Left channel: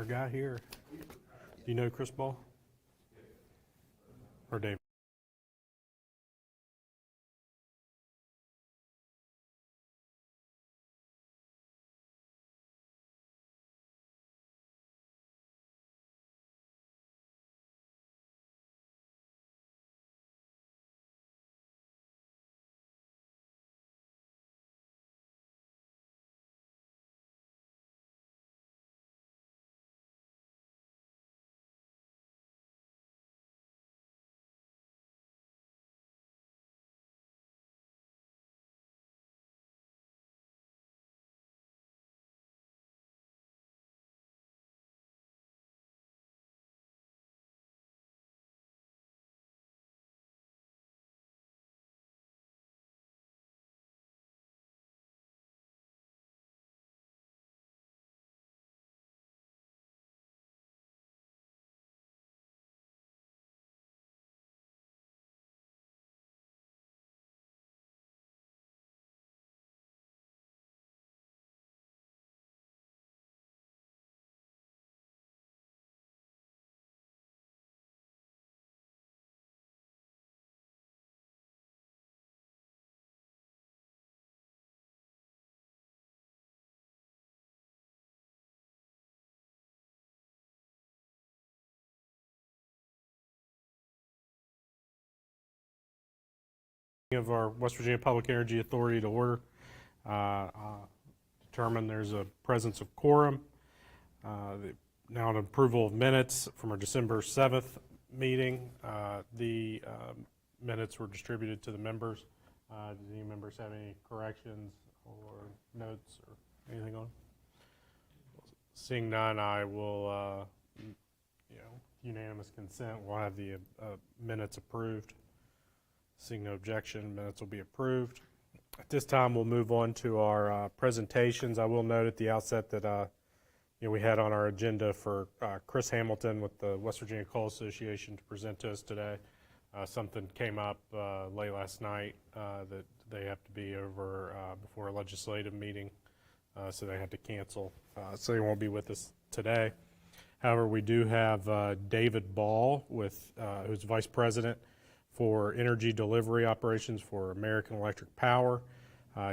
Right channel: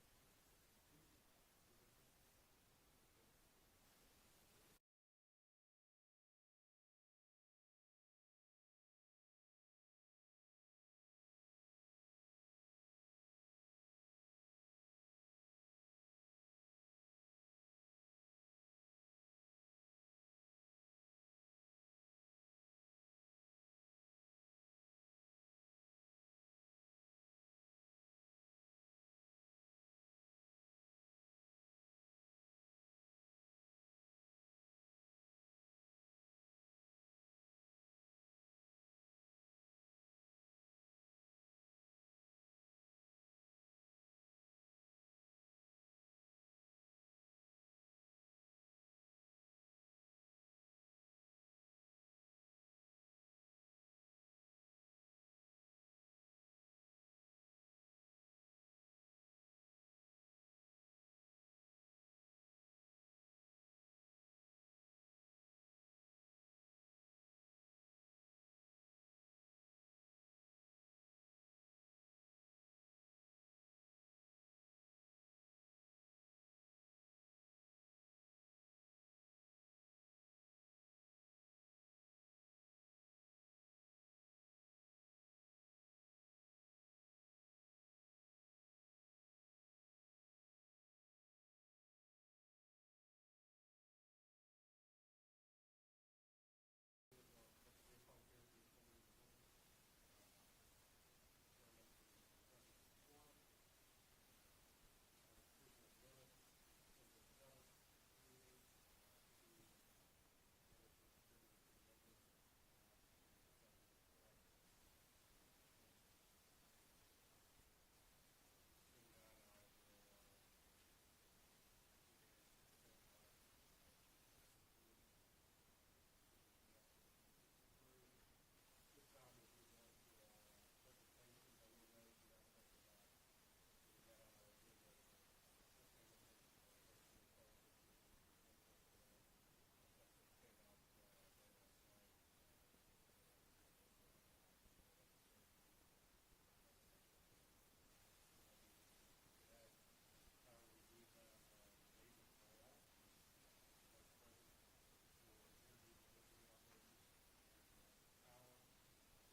our guy here. Do you know Chris Ball? Or Dave? Of our West Virginia Public Energy Authority to order. Determine there's a presence of quorum. Now an approval of minutes from our December 7th meeting. The minutes were distributed to the members. Does any members have any corrections or notes or anything on? Seeing none, I will, unanimous consent, we'll have the minutes approved. Seeing no objection, minutes will be approved. At this time, we'll move on to our presentations. I will note at the outset that we had on our agenda for Chris Hamilton with the West Virginia Coal Association to present to us today. Something came up late last night that they have to be over before a legislative meeting, so they had to cancel. So they won't be with us today. However, we do have David Ball, who's Vice President for Energy Delivery Operations for American Electric Power.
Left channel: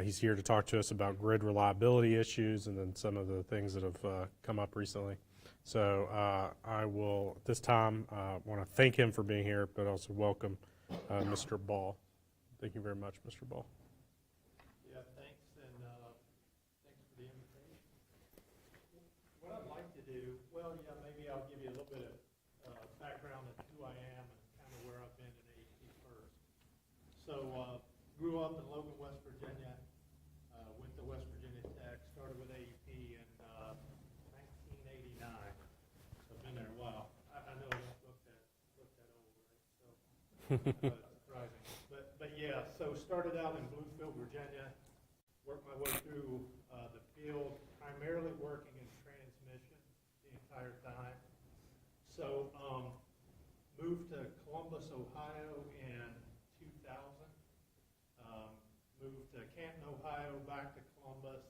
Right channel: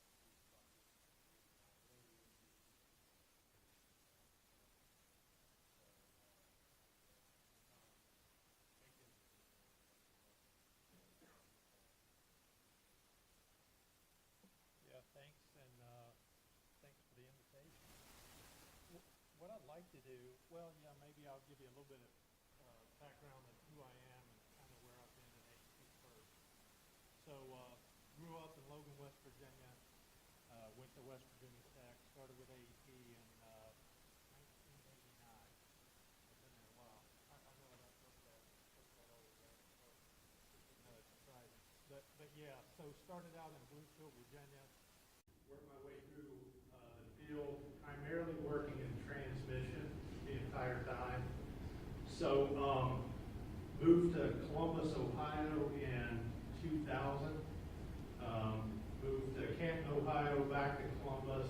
He's here to talk to us about grid reliability issues and then some of the things that have come up recently. So I will, at this time, want to thank him for being here, but also welcome Mr. Ball. Thank you very much, Mr. Ball. Yeah, thanks, and thanks for the invitation. What I'd like to do, well, yeah, maybe I'll give you a little bit of background of who I am and kind of where I've been in AEP first. So, grew up in Logan, West Virginia, went to West Virginia Tech, started with AEP in 1989. So I've been there a while. I know I don't look that old, right? So, surprising. But yeah, so started out in Bluefield, Virginia, worked my way through the field, primarily working in transmission the entire time. So moved to Columbus, Ohio in 2000. Moved to Canton, Ohio, back to Columbus.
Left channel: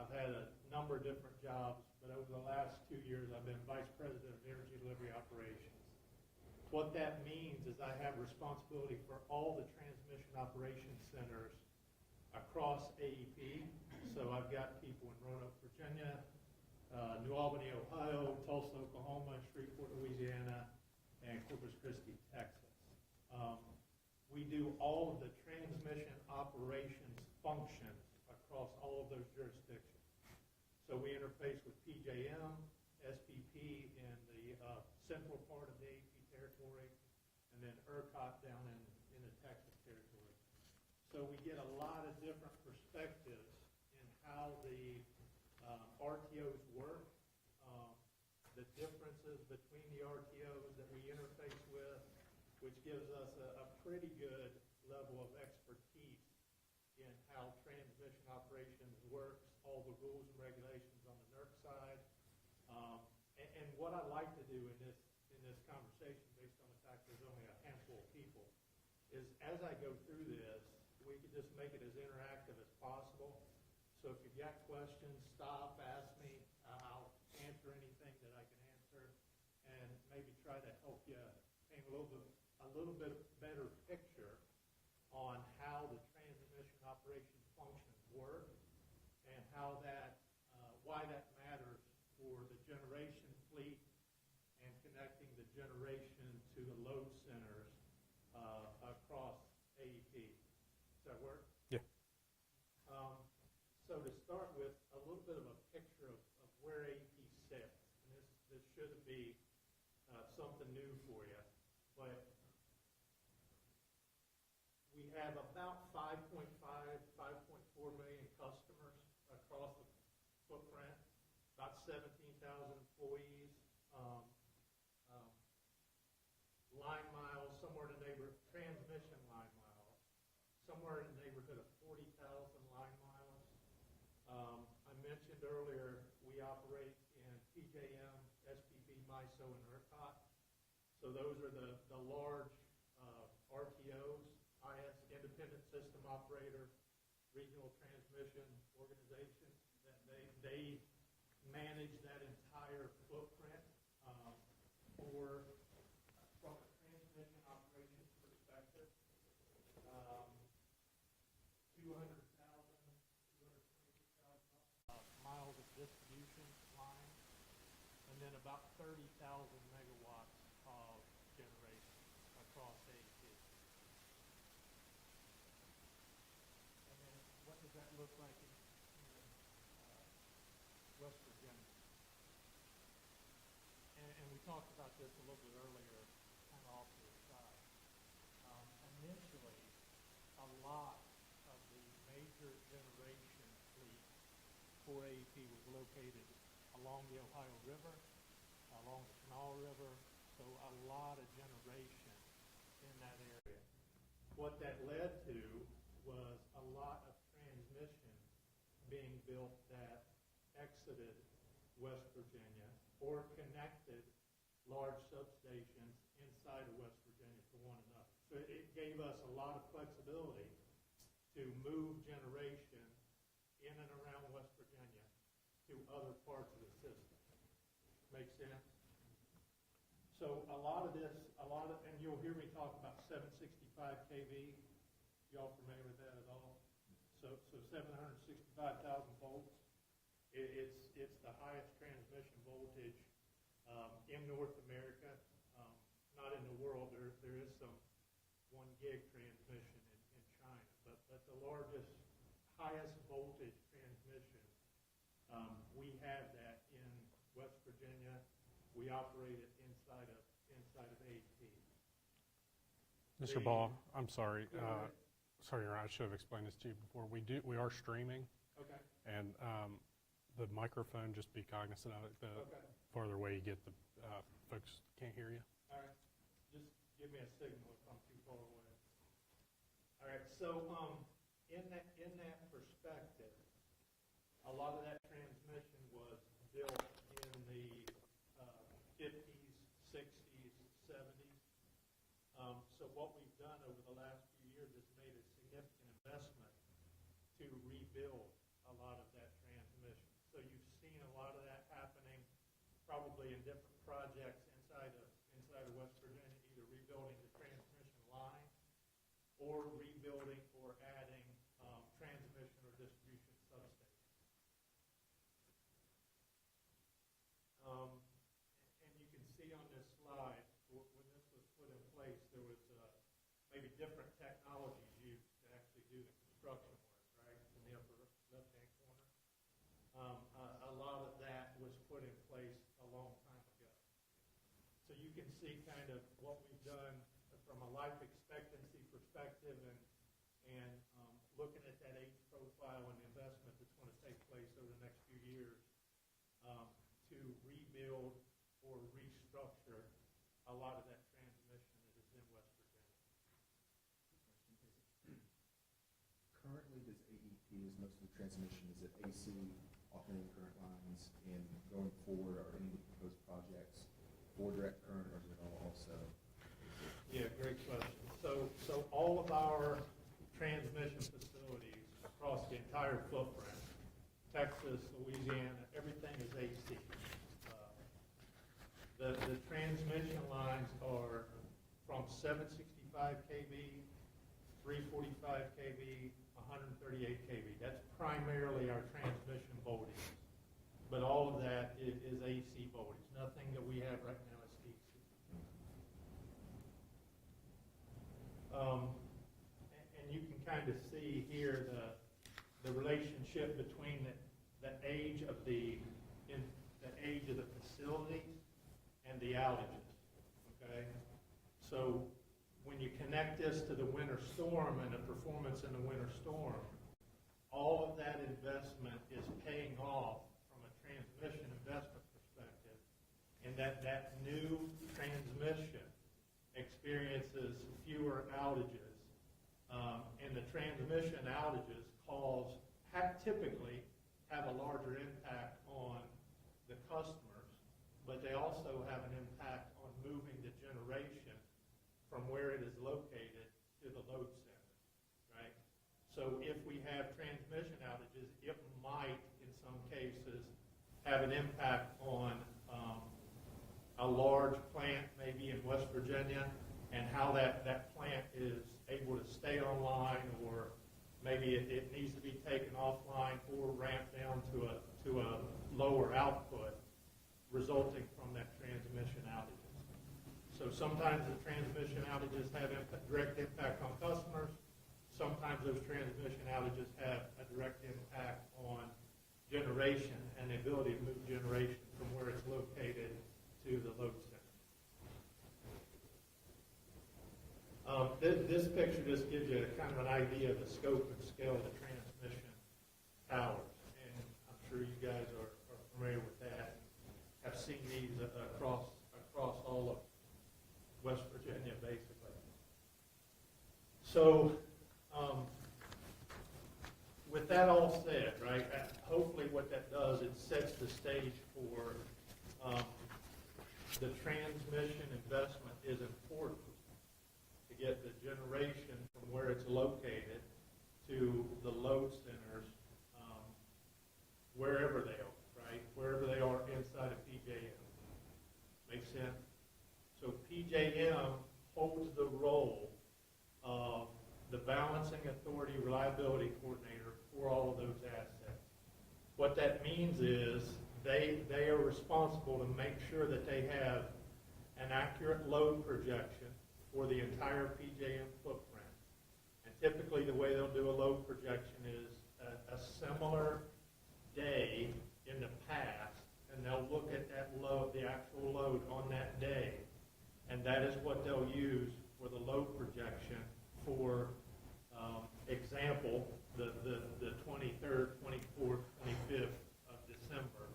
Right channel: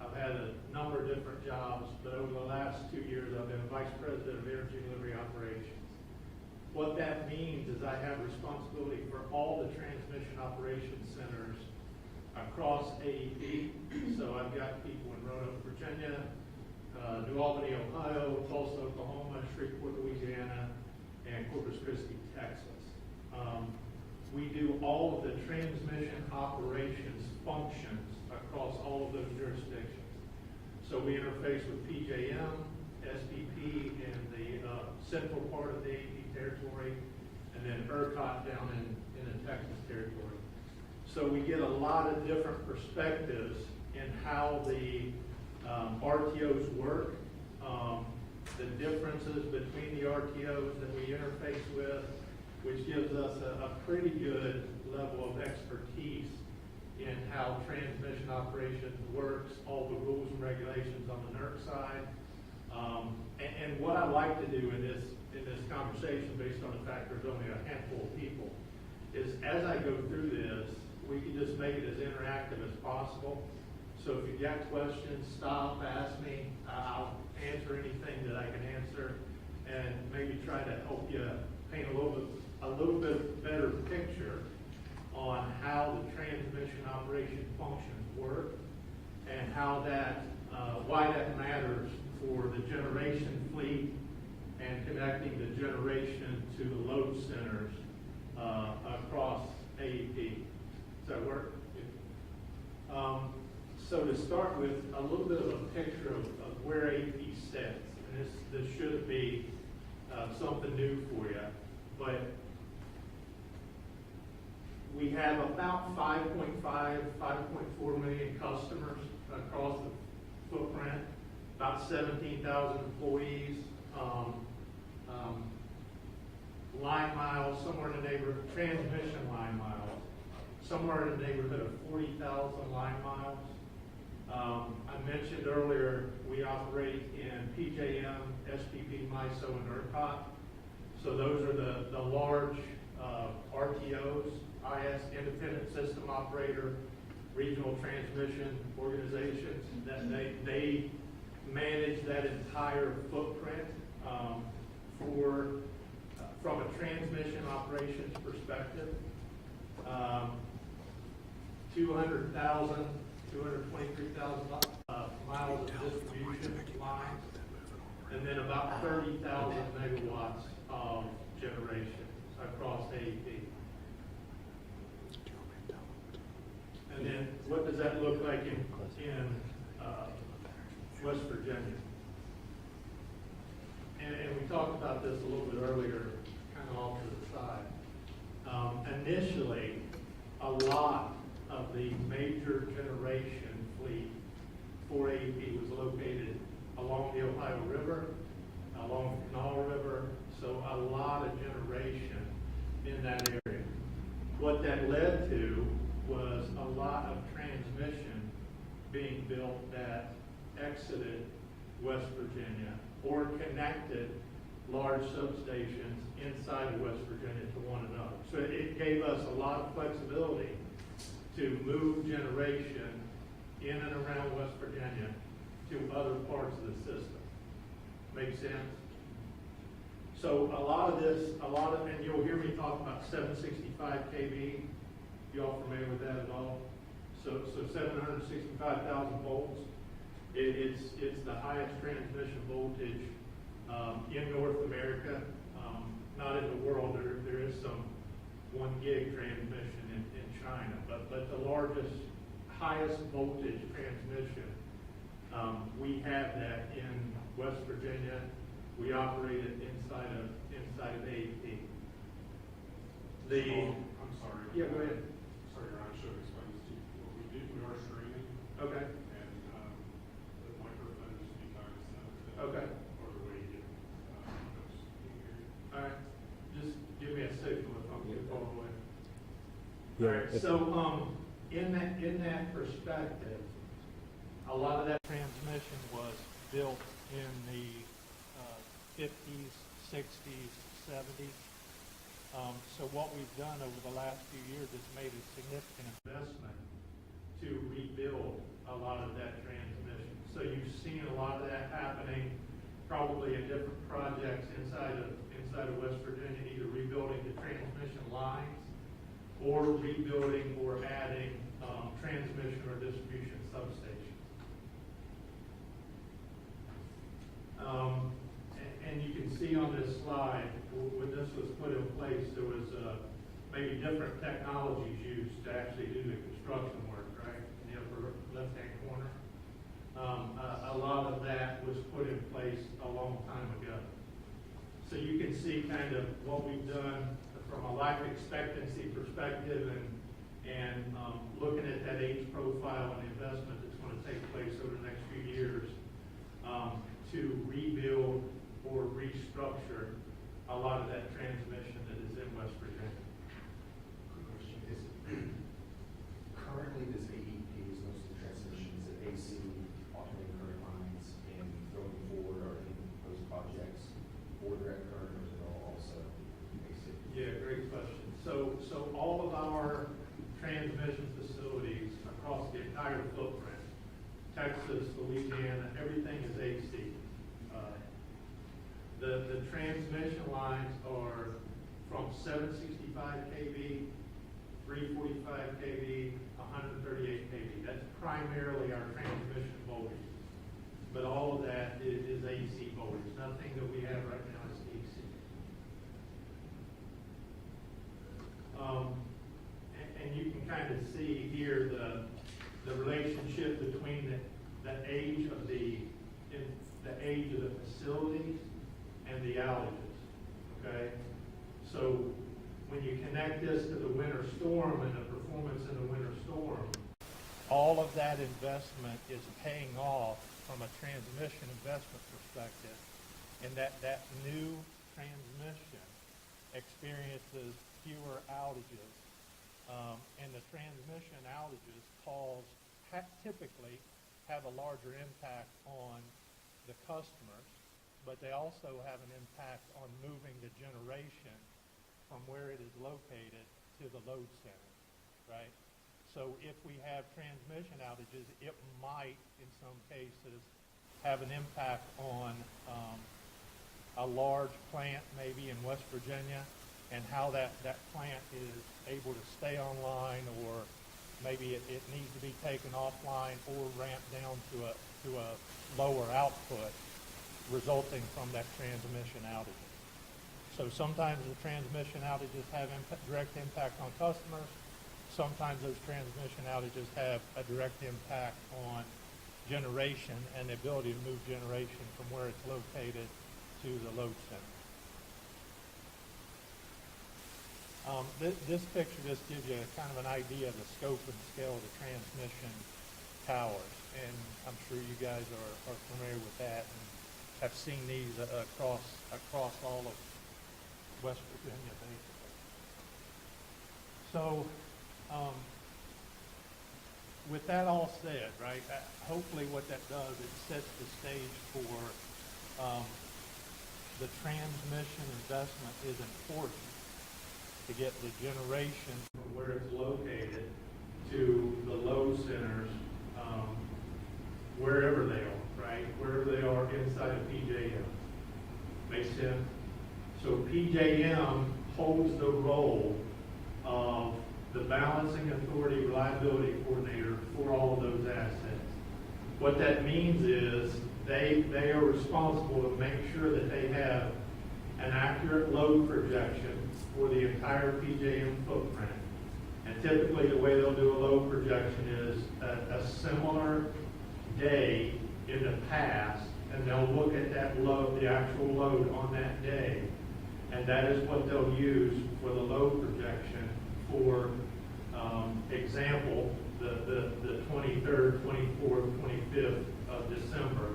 I've had a number of different jobs, but over the last 2 years I've been Vice President of Energy Delivery Operations. What that means is I have responsibility for all the transmission operations centers across AEP. So I've got people in Roanoke, Virginia, New Albany, Ohio, Tulsa, Oklahoma, Shreveport, Louisiana, and Corpus Christi, Texas. We do all of the transmission operations functions across all of those jurisdictions. So we interface with PJM, SPP in the central part of the AEP territory, and then ERCOT down in the Texas territory. So we get a lot of different perspectives in how the RTOs work, the differences between the RTOs that we interface with, which gives us a pretty good level of expertise in how transmission operations works, all the rules and regulations on the NERC side. And what I like to do in this conversation, based on the fact there's only a handful of people, is as I go through this, we can just make it as interactive as possible. So if you've got questions, stop, ask me. I'll answer answer anything that I can answer, and maybe try to help you paint a little bit better picture on how the transmission operation functions work, and how that, why that matters for the generation fleet and connecting the generation to the load centers across AEP. Does that work? Yep. So to start with, a little bit of a picture of where AEP sits, and this shouldn't be something new for you, but we have about 5.5, 5.4 million customers across the footprint, about 17,000 employees, line miles, somewhere in the neighborhood, transmission line miles, somewhere in the neighborhood of 40,000 line miles. I mentioned earlier, we operate in PJM, SPP, MISO, and ERCOT. So those are the large RTOs, IS, Independent System Operator, regional transmission organizations, that they manage that entire footprint from a transmission operations perspective. 223,000 miles of distribution lines, and then about 30,000 megawatts of generation across AEP. And then what does that look like in West Virginia? And we talked about this a little bit earlier, kind of off to the side. Initially, a lot of the major generation fleet for AEP was located along the Ohio River, along the Kanawha River, so a lot of generation in that area. What that led to was a lot of transmission being built that exited West Virginia or connected large substations inside of West Virginia to one another. So it gave us a lot of flexibility to move generation in and around West Virginia to other parts of the system. Make sense? So and you'll hear me talk about 765 kV. You all familiar with that at all? So 765,000 volts. It's the highest transmission voltage in North America. Not in the world. There is some 1 gig transmission in China, but the largest, highest voltage transmission, we have that in West Virginia. We operate it inside of AEP. Mr. Ball, I'm sorry. Yeah, go ahead. Sorry, Ron, I should have explained this to you before. We are streaming, Okay. and the microphone, just be cognizant of it. Okay. Farther away you get, folks can't hear you. All right. Just give me a signal if I'm too far away. Yeah, All right. So in that perspective, a lot of that transmission was built in the 50s, 60s, 70s. So what we've done over the last few years is made a significant investment to rebuild a lot of that transmission. So you've seen a lot of that happening probably in different projects inside of West Virginia, either rebuilding the transmission lines or rebuilding or adding transmission or distribution substations. And you can see on this slide, when this was put in place, there was maybe different technologies used to actually do the construction work, right? In the upper left-hand corner. A lot of that was put in place a long time ago. So you can see kind of what we've done from a life expectancy perspective and primarily our transmission voltages. But all of that is AC voltage. Nothing that we have right now is DC. And you can kind of see here the relationship between the age of the facilities and the outages. Okay, so when you connect this to the winter storm and the performance in the winter storm, all of that investment is paying off from a transmission investment perspective, and that new transmission experiences fewer outages, and the transmission outages typically have a larger impact on the customers, but they also have an impact on moving the generation from where it is located to the load center, right? So if we have transmission outages, it might, in some cases, have an impact on a large plant maybe in West Virginia, and how that plant is able to stay online, or maybe it needs to be taken offline or ramped down to a lower output resulting from that transmission outage. So sometimes the transmission outages have direct impact on customers. Sometimes those transmission outages have a direct impact on generation and the ability to move generation from where it's located to the load center. This picture just gives you kind of an idea of the scope and scale of the transmission towers, and I'm sure you guys are familiar with that and have seen these across all of West Virginia, basically. So, with that all said, right, hopefully what that does, it sets the stage for the transmission investment is important to get the generation from where it's located to the load centers, wherever they are, right? Wherever they are inside of PJM. Make sense? So PJM holds the role of the balancing authority reliability coordinator for all of those assets. What that means is they are responsible to make sure that they have an accurate load projection for the entire PJM footprint. And typically the way they'll do a load projection is a similar day in the past, and they'll look at that load, the actual load on that day, and that is what they'll use for the load projection for example, the 23rd, 24th, 25th of December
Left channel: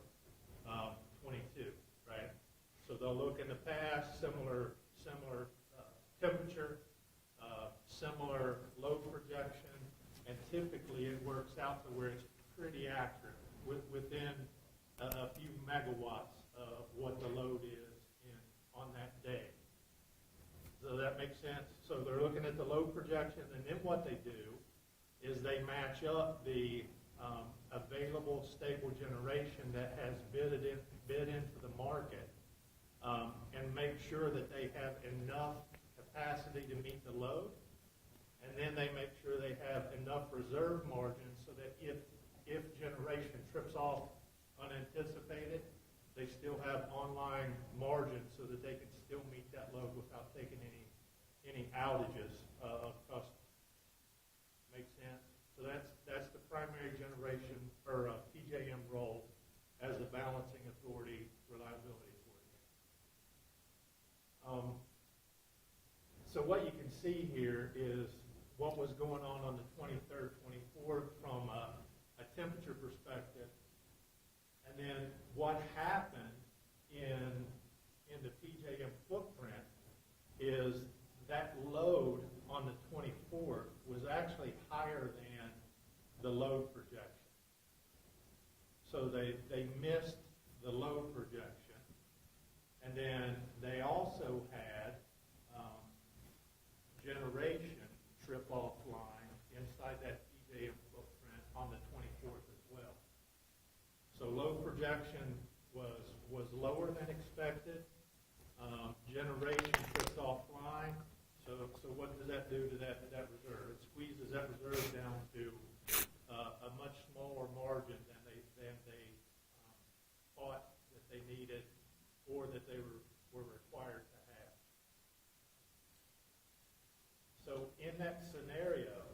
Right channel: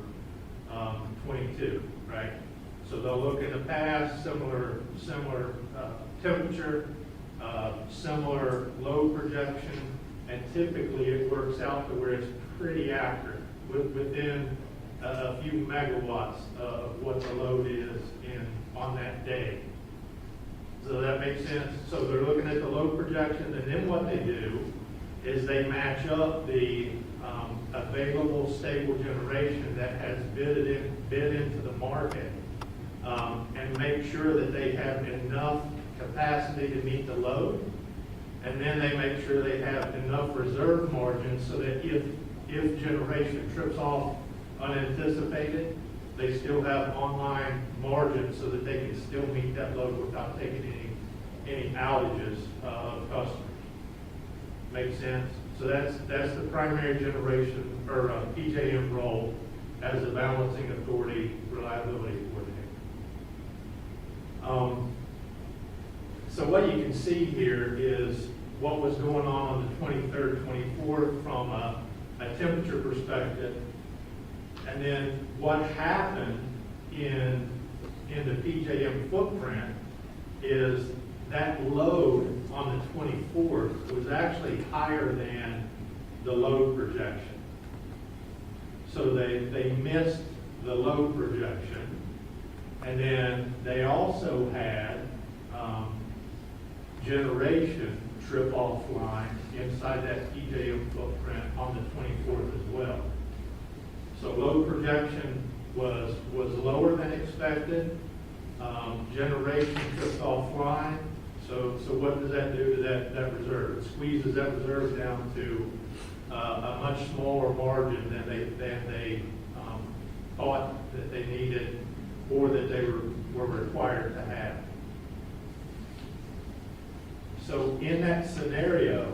22, right? So they'll look at the past, similar temperature, similar load projection, and typically it works out to where it's pretty accurate, within a few megawatts of what the load is on that day. So that makes sense. So they're looking at the load projection, and then what they do is they match up the available stable generation that has bid into the market, and make sure that they have enough capacity to meet the load, and then they make sure they have enough reserve margin so that if generation trips off unanticipated, they still have online margin so that they can still meet that load without taking any outages of customers. Make sense? So that's the primary generation or PJM role as the balancing authority reliability coordinator. So what you can see here is what was going on the 23rd, 24th from a temperature perspective, and then what happened in the PJM footprint is that load on the 24th was actually higher than the load projection. So they missed the load projection, and then they also had generation trip offline inside that PJM footprint on the 24th as well. So load projection was lower than expected. Generation tripped offline. So what does that do to that reserve? It squeezes that reserve down to a much smaller margin than they thought that they needed or that they were required to have. So in that scenario,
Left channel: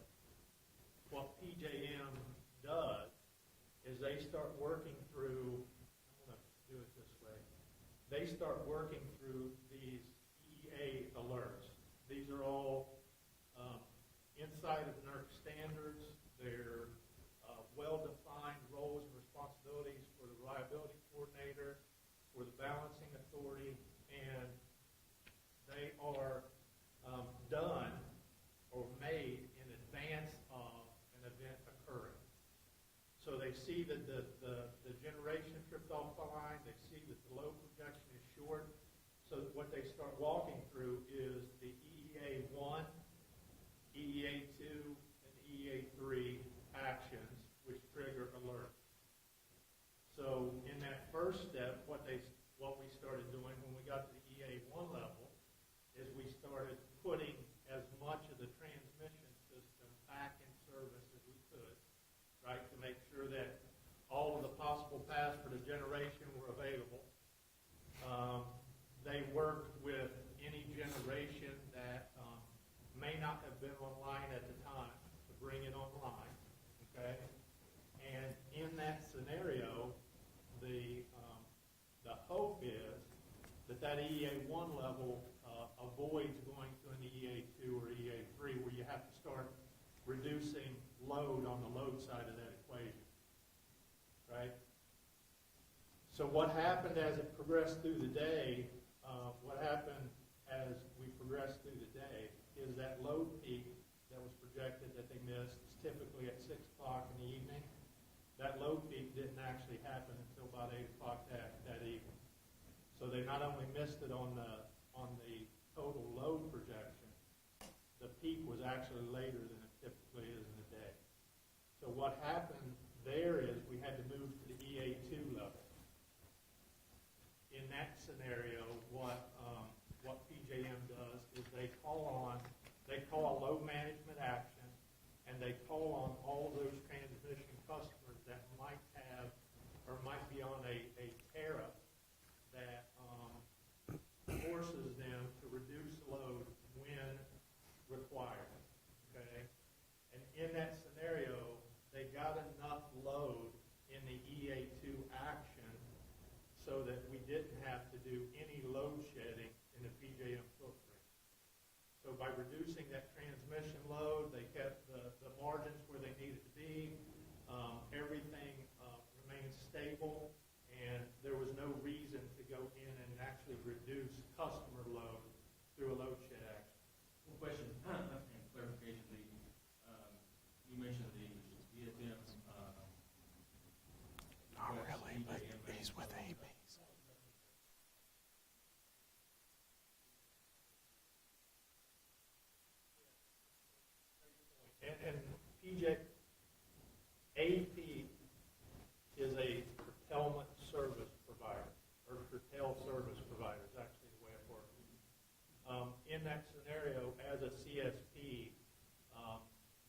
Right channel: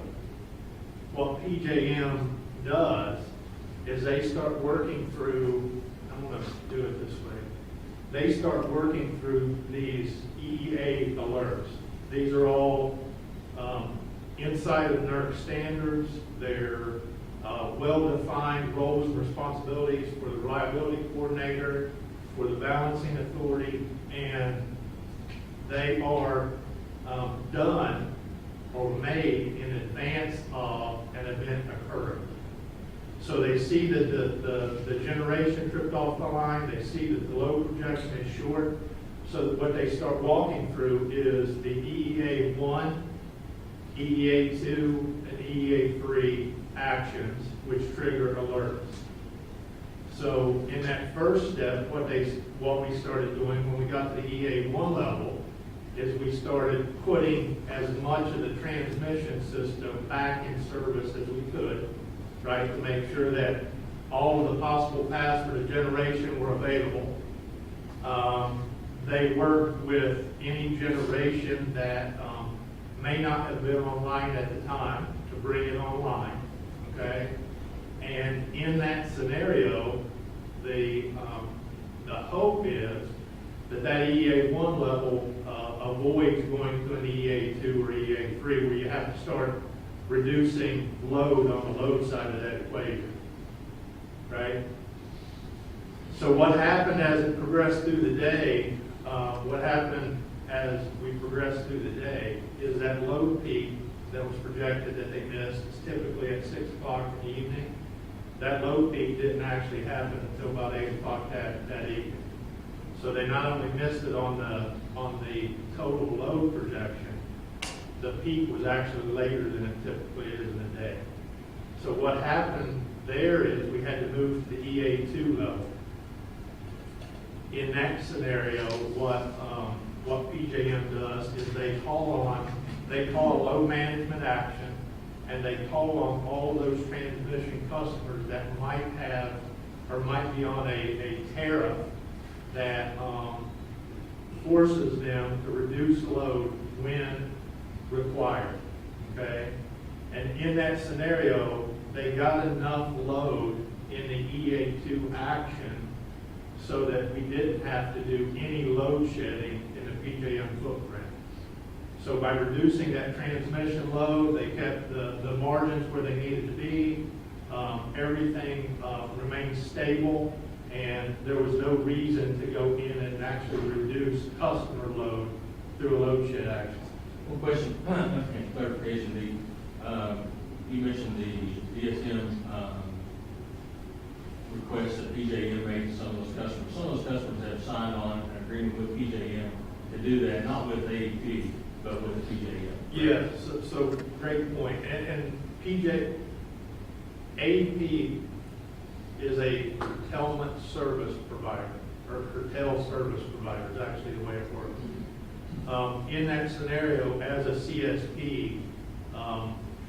what PJM does is they start working through, I'm going to do it this way, they start working through these EEA alerts. These are all inside of NERC standards. They're well-defined roles and responsibilities for the reliability coordinator, for the balancing authority, and they are done or made in advance of an event occurring. So they see that the generation tripped off the line, they see that the load projection is short, so that what they start walking through is the EEA 1, EEA 2, and EEA 3 actions, which trigger alerts. So in that first step, what we started doing when we got to the EEA 1 level is we started putting as much of the transmission system back in service as we could, right, to make sure that all of the possible paths for the generation were available. They worked with any generation that may not have been online at the time to bring it online, okay? And in that scenario, the hope is that EEA 1 level avoids going to an EEA 2 or EEA 3 where you have to start reducing load on the load side of that equation, right? So what happened as it progressed through the day, is that load peak that was projected that they missed is typically at 6 o'clock in the evening. That load peak didn't actually happen until about 8 o'clock that evening. So they not only missed it on the total load projection, the peak was actually later than it typically is in the day. So what happened there is we had to move to the EA2 level. In that scenario, what PJM does is they call a load management action, and they call on all those transmission customers that might have or might be on a tariff that forces them to reduce load when required, okay? And in that scenario, they got enough load in the EA2 action so that we didn't have to do any load shedding in the PJM footprint. So by reducing that transmission load, they kept the margins where they needed to be. Everything remained stable, and there was no reason to go in and actually reduce customer load through a load shed action. One question, clarification, you mentioned the DSM request that PJM made to some of those customers. Some of those customers have signed on an agreement with PJM to do that, not with AEP, but with the PJM. Yeah, so great point. And AEP is a curtailment service provider, or curtail service provider is actually the way it works. In that scenario, as a CSP,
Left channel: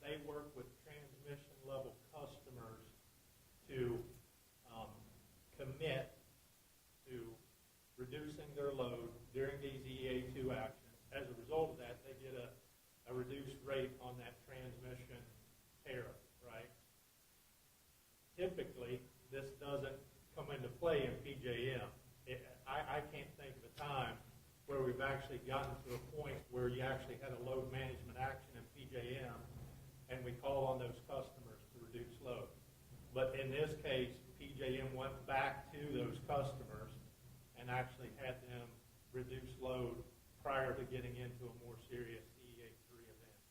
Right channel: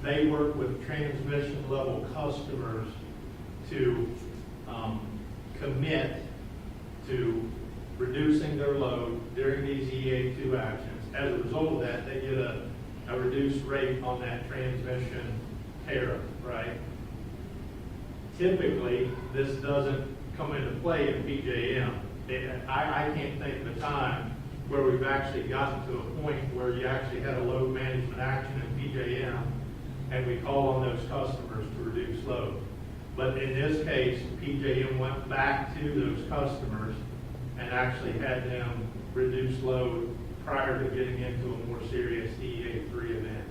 they work with transmission level customers to commit to reducing their load during these EA2 actions. As a result of that, they get a reduced rate on that transmission tariff, right? Typically, this doesn't come into play in PJM. I can't think of a time where we've actually gotten to a point where you actually had a load management action in PJM, and we call on those customers to reduce load. But in this case, PJM went back to those customers and actually had them reduce load prior to getting into a more serious EA3 event.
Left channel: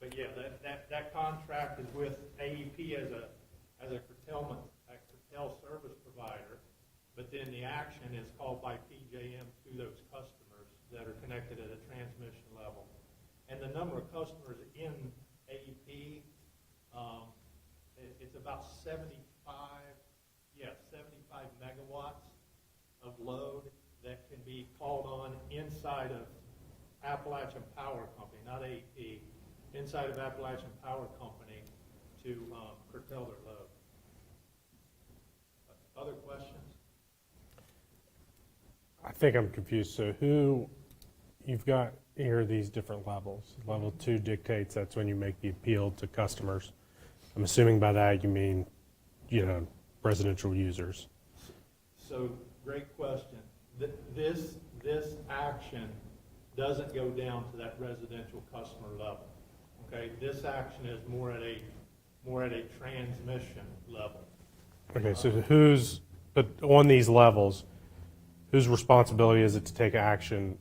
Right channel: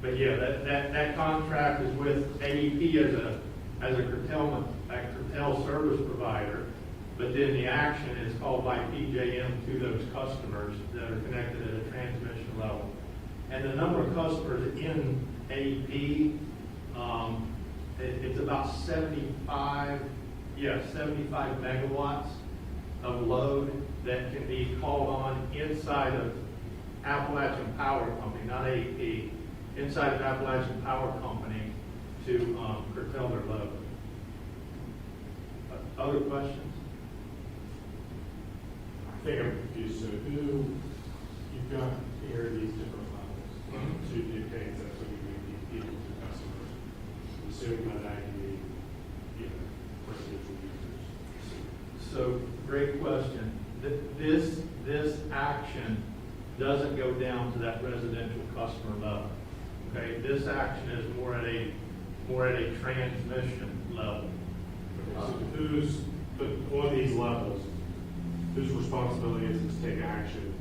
But yeah, that contract is with AEP as a curtail service provider, but then the action is called by PJM to those customers that are connected at a transmission level. And the number of customers in AEP, it's about 75 megawatts of load that can be called on inside of Appalachian Power Company, not AEP, inside of Appalachian Power Company to curtail their load. Other questions? I think I'm confused. So you've got here these different levels. Level 2 dictates that's when you make the appeal to customers. I'm assuming by that you mean, residential users. So, great question. This action doesn't go down to that residential customer level. Okay, this action is more at a transmission level. Okay, so but on these levels, whose responsibility is it to take action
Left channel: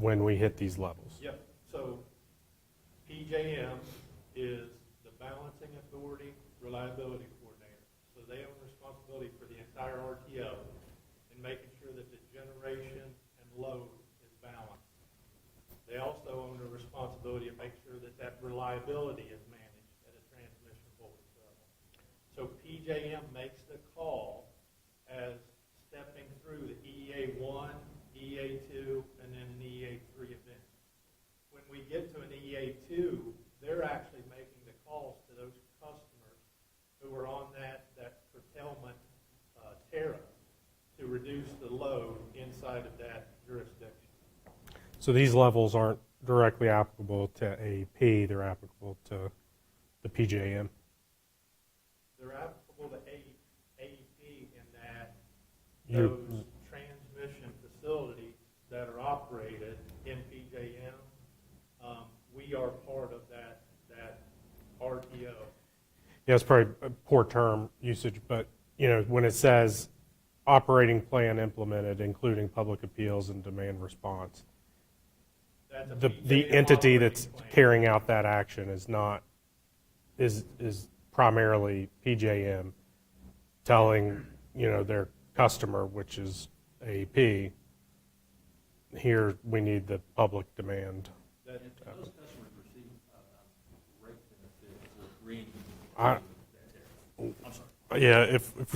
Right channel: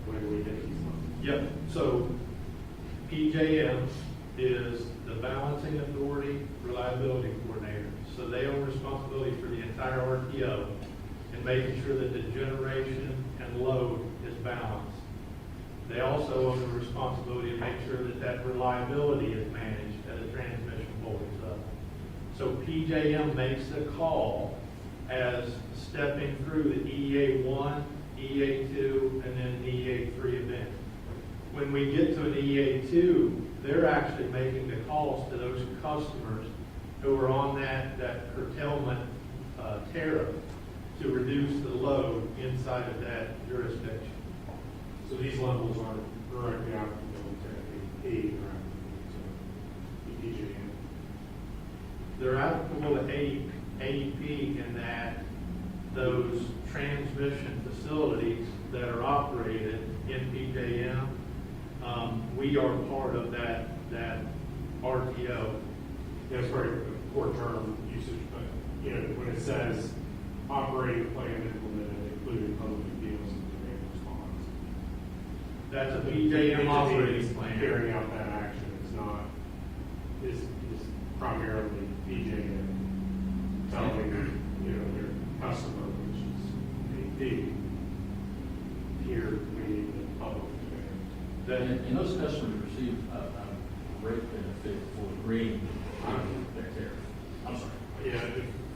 when we hit these levels? Yep, so PJM is the balancing authority, reliability coordinator. So they own responsibility for the entire RTO and making sure that the generation and load is balanced. They also own the responsibility to make sure that that reliability is managed at a transmission voltage level. So PJM makes the call as stepping through the EA1, EA2, and then EA3 event. When we get to an EA2, they're actually making the calls to those customers who are on that curtailment tariff to reduce the load inside of that jurisdiction. So these levels aren't directly applicable to AEP, they're applicable to the PJM. They're applicable to AEP in that those transmission facilities that are operated in PJM, we are part of that RTO. Yeah, it's probably a poor term usage, but, when it says operating plan implemented, including public appeals and demand response, That's a the PJM entity operating that's plan. carrying out that action is primarily PJM telling, their customer, which is AEP, here we need the public demand. And those customers receive a great benefit for agreeing I- their tariff. I'm sorry. Yeah, if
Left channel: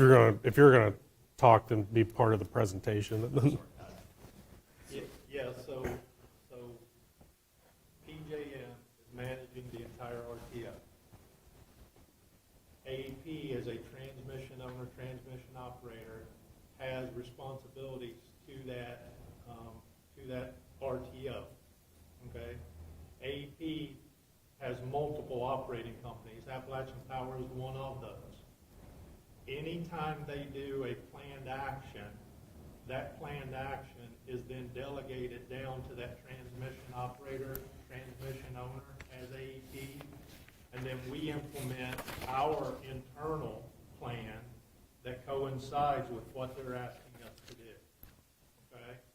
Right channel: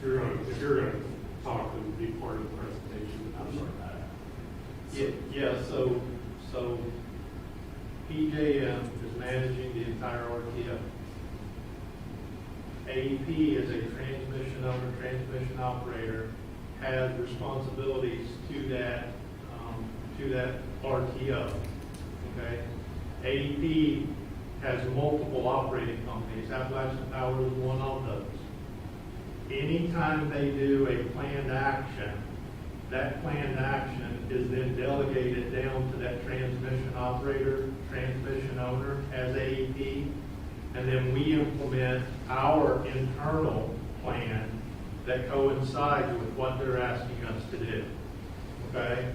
you're gonna talk, then be part of the presentation. I'm sorry. Yeah, so PJM is managing the entire RTO. AEP is a transmission owner, transmission operator, has responsibilities to that RTO, okay? AEP has multiple operating companies, Appalachian Power is one of those. Anytime they do a planned action, that planned action is then delegated down to that transmission operator, transmission owner as AEP, and then we implement our internal plan that coincides with what they're asking us to do, okay?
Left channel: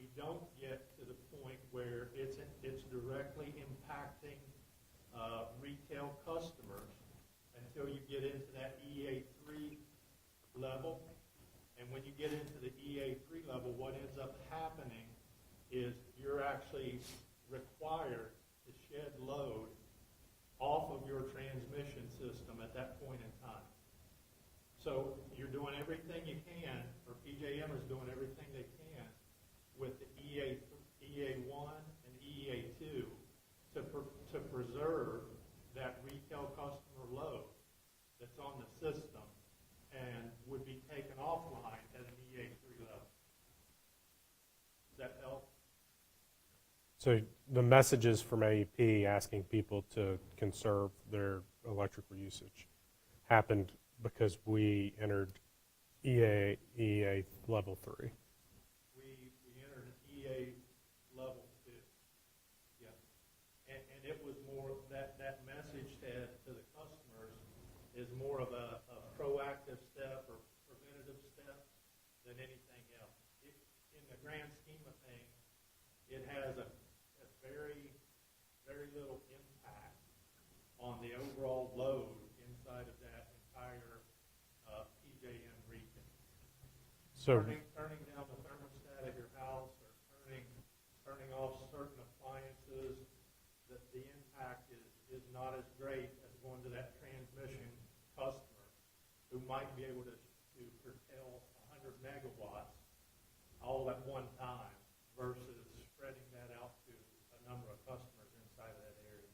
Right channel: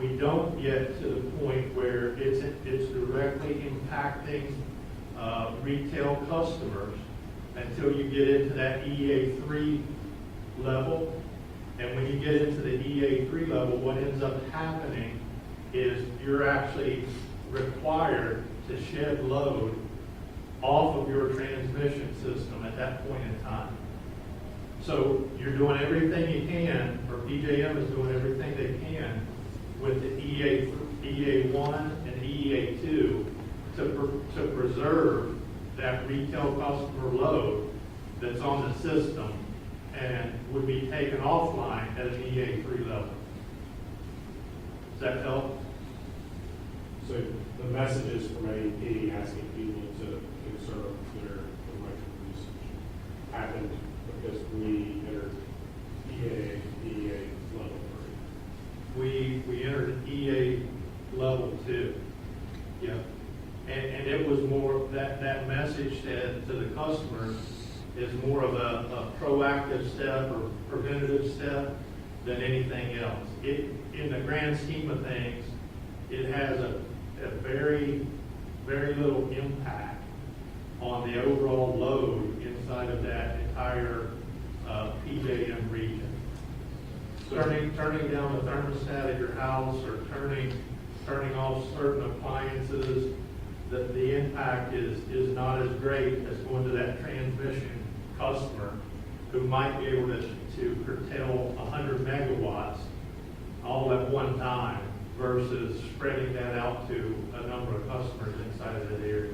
We don't get to the point where it's directly impacting retail customers until you get into that EA3 level. And when you get into the EA3 level, what ends up happening is you're actually required to shed load off of your transmission system at that point in time. So you're doing everything you can, or PJM is doing everything they can with the EA1 and EA2 to preserve that retail customer load that's on the system and would be taken offline at an EA3 level. Does that help? So the messages from AEP asking people to conserve their electric usage happened because we entered EA level 3. We entered EA level 2. Yeah. And it was more, that message to the customer is more of a proactive step or preventative step than anything else. In the grand scheme of things, it has a very, very little impact on the overall load inside of that entire PJM region. So Turning down the thermostat at your house or turning off certain appliances, the impact is not as great as going to that transmission customer who might be able to curtail 100 megawatts all at one time versus spreading that out to a number of customers inside of that area.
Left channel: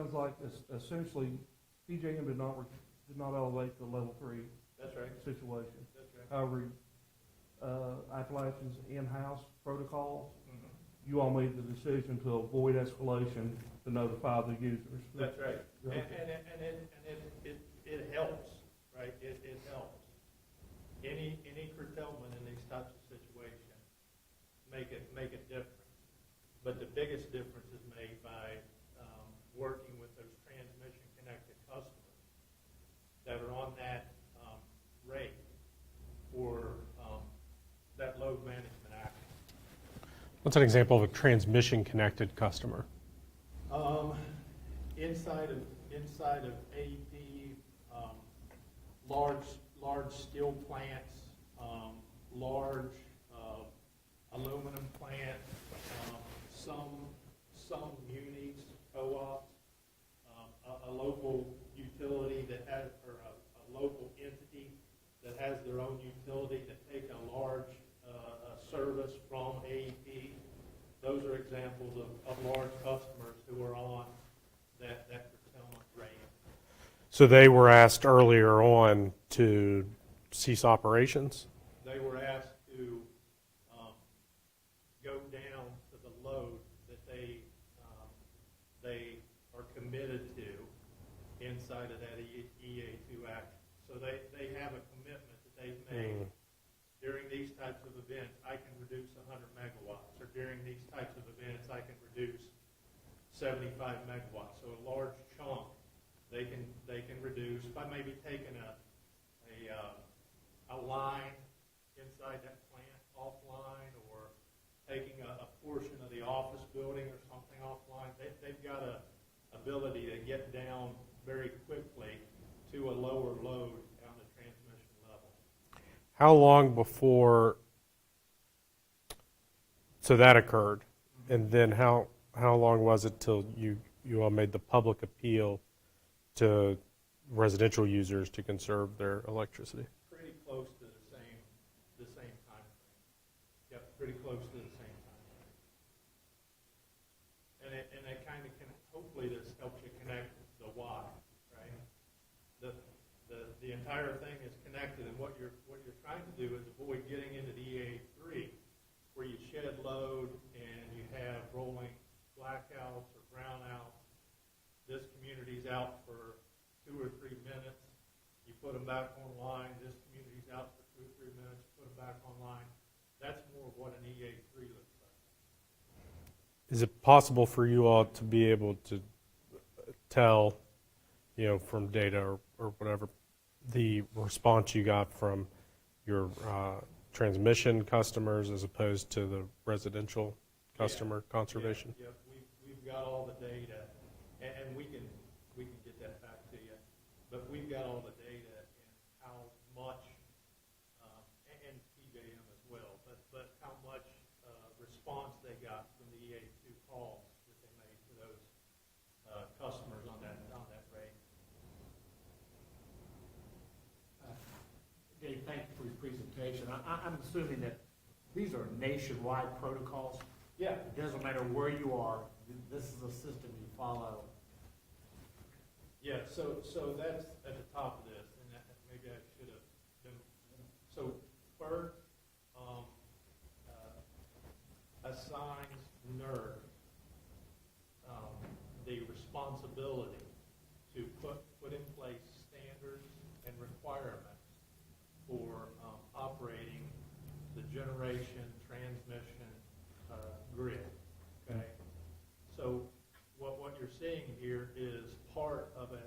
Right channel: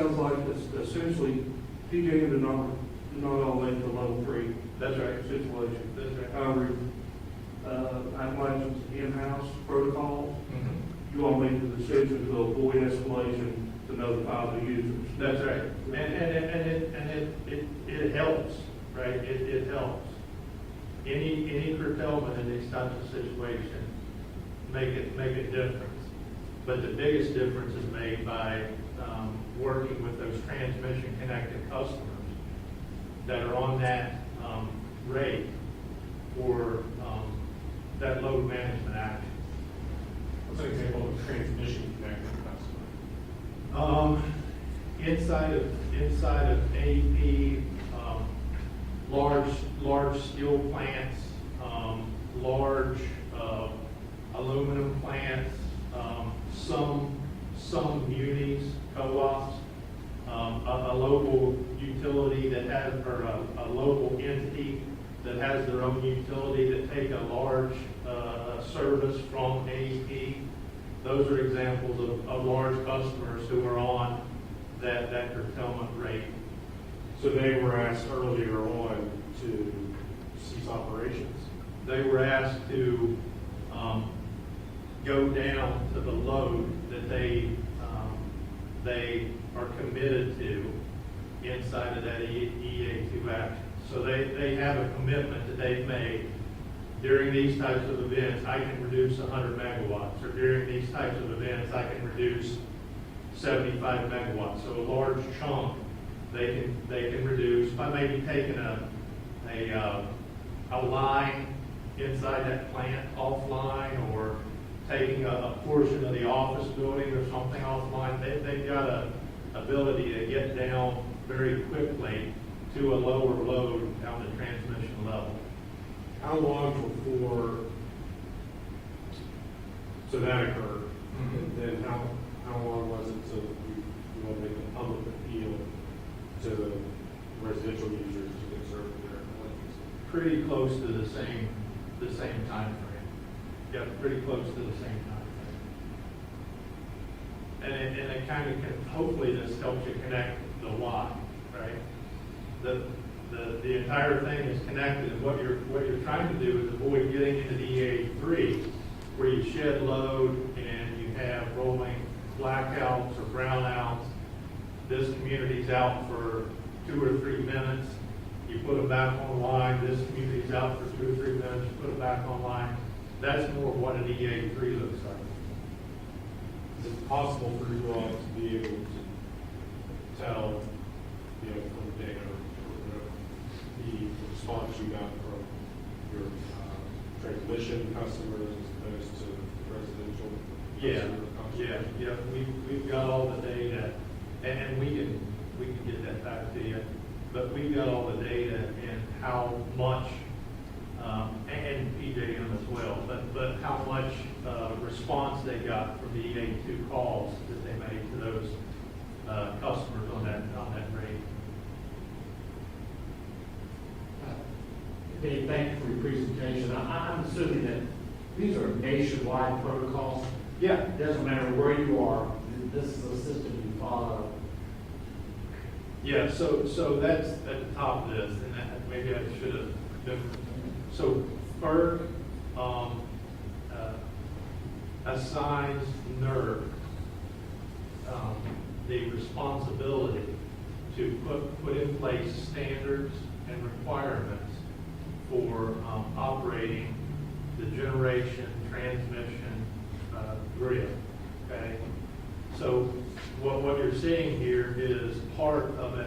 sounds like it's essentially, PJM did not elevate to level 3. That's right. Situation. That's right. However, I imagine in-house protocols, Mm-hmm. you all made the decision to avoid escalation to notify the users. That's right. And it helps, right? It helps. Any curtailment in these types of situations make a difference. But the biggest difference is made by working with those transmission connected customers that are on that rate for that load management action. What's an example of a transmission-connected customer? Inside of AEP, large steel plants, large aluminum plants, some munis, co-ops, a local utility that has, or a local entity that has their own utility that take a large service from AEP. Those are examples of large customers who are on that curtailment rate. So they were asked earlier on to cease operations? They were asked to go down to the load that they are committed to inside of that EA2 action. So they have a commitment that they've made. During these types of events, I can reduce 100 megawatts, or during these types of events, I can reduce 75 megawatts. So a large chunk they can reduce by maybe taking a line inside that plant offline, or taking a portion of the office building or something offline. They've got a ability to get down very quickly to a lower load down the transmission level. How long before, so that occurred, and then how long was it till you all made the public appeal to residential users to conserve their electricity? Pretty close to the same time frame. Yeah, pretty close to the same time frame. And it kind of can, hopefully this helps you connect the why, right? The entire thing is connected, and what you're trying to do is avoid getting into the EA3 where you shed load and you have rolling blackouts or brownouts. This community's out for 2 or 3 minutes. You put them back online. This community's out for 2 or 3 minutes. You put them back online. That's more what an EA3 looks like. Is it possible for you all to be able to tell, from data or whatever, the response you got from your transmission customers as opposed to the residential customer conservation? Yeah, we've got all the data, and we can get that back to you. But we've got all the data and how much, and PJM as well, but how much response they got from the EA2 calls that they made to those customers on that rate. Dave, thank you for your presentation. I'm assuming that these are nationwide protocols. Yeah. It doesn't matter where you are, this is the system you follow. Yeah, so that's at the top of this, and maybe I should have been. So FERC assigns NERC the responsibility to put in place standards and requirements for operating the generation transmission grid. Okay, so what you're seeing here is part of a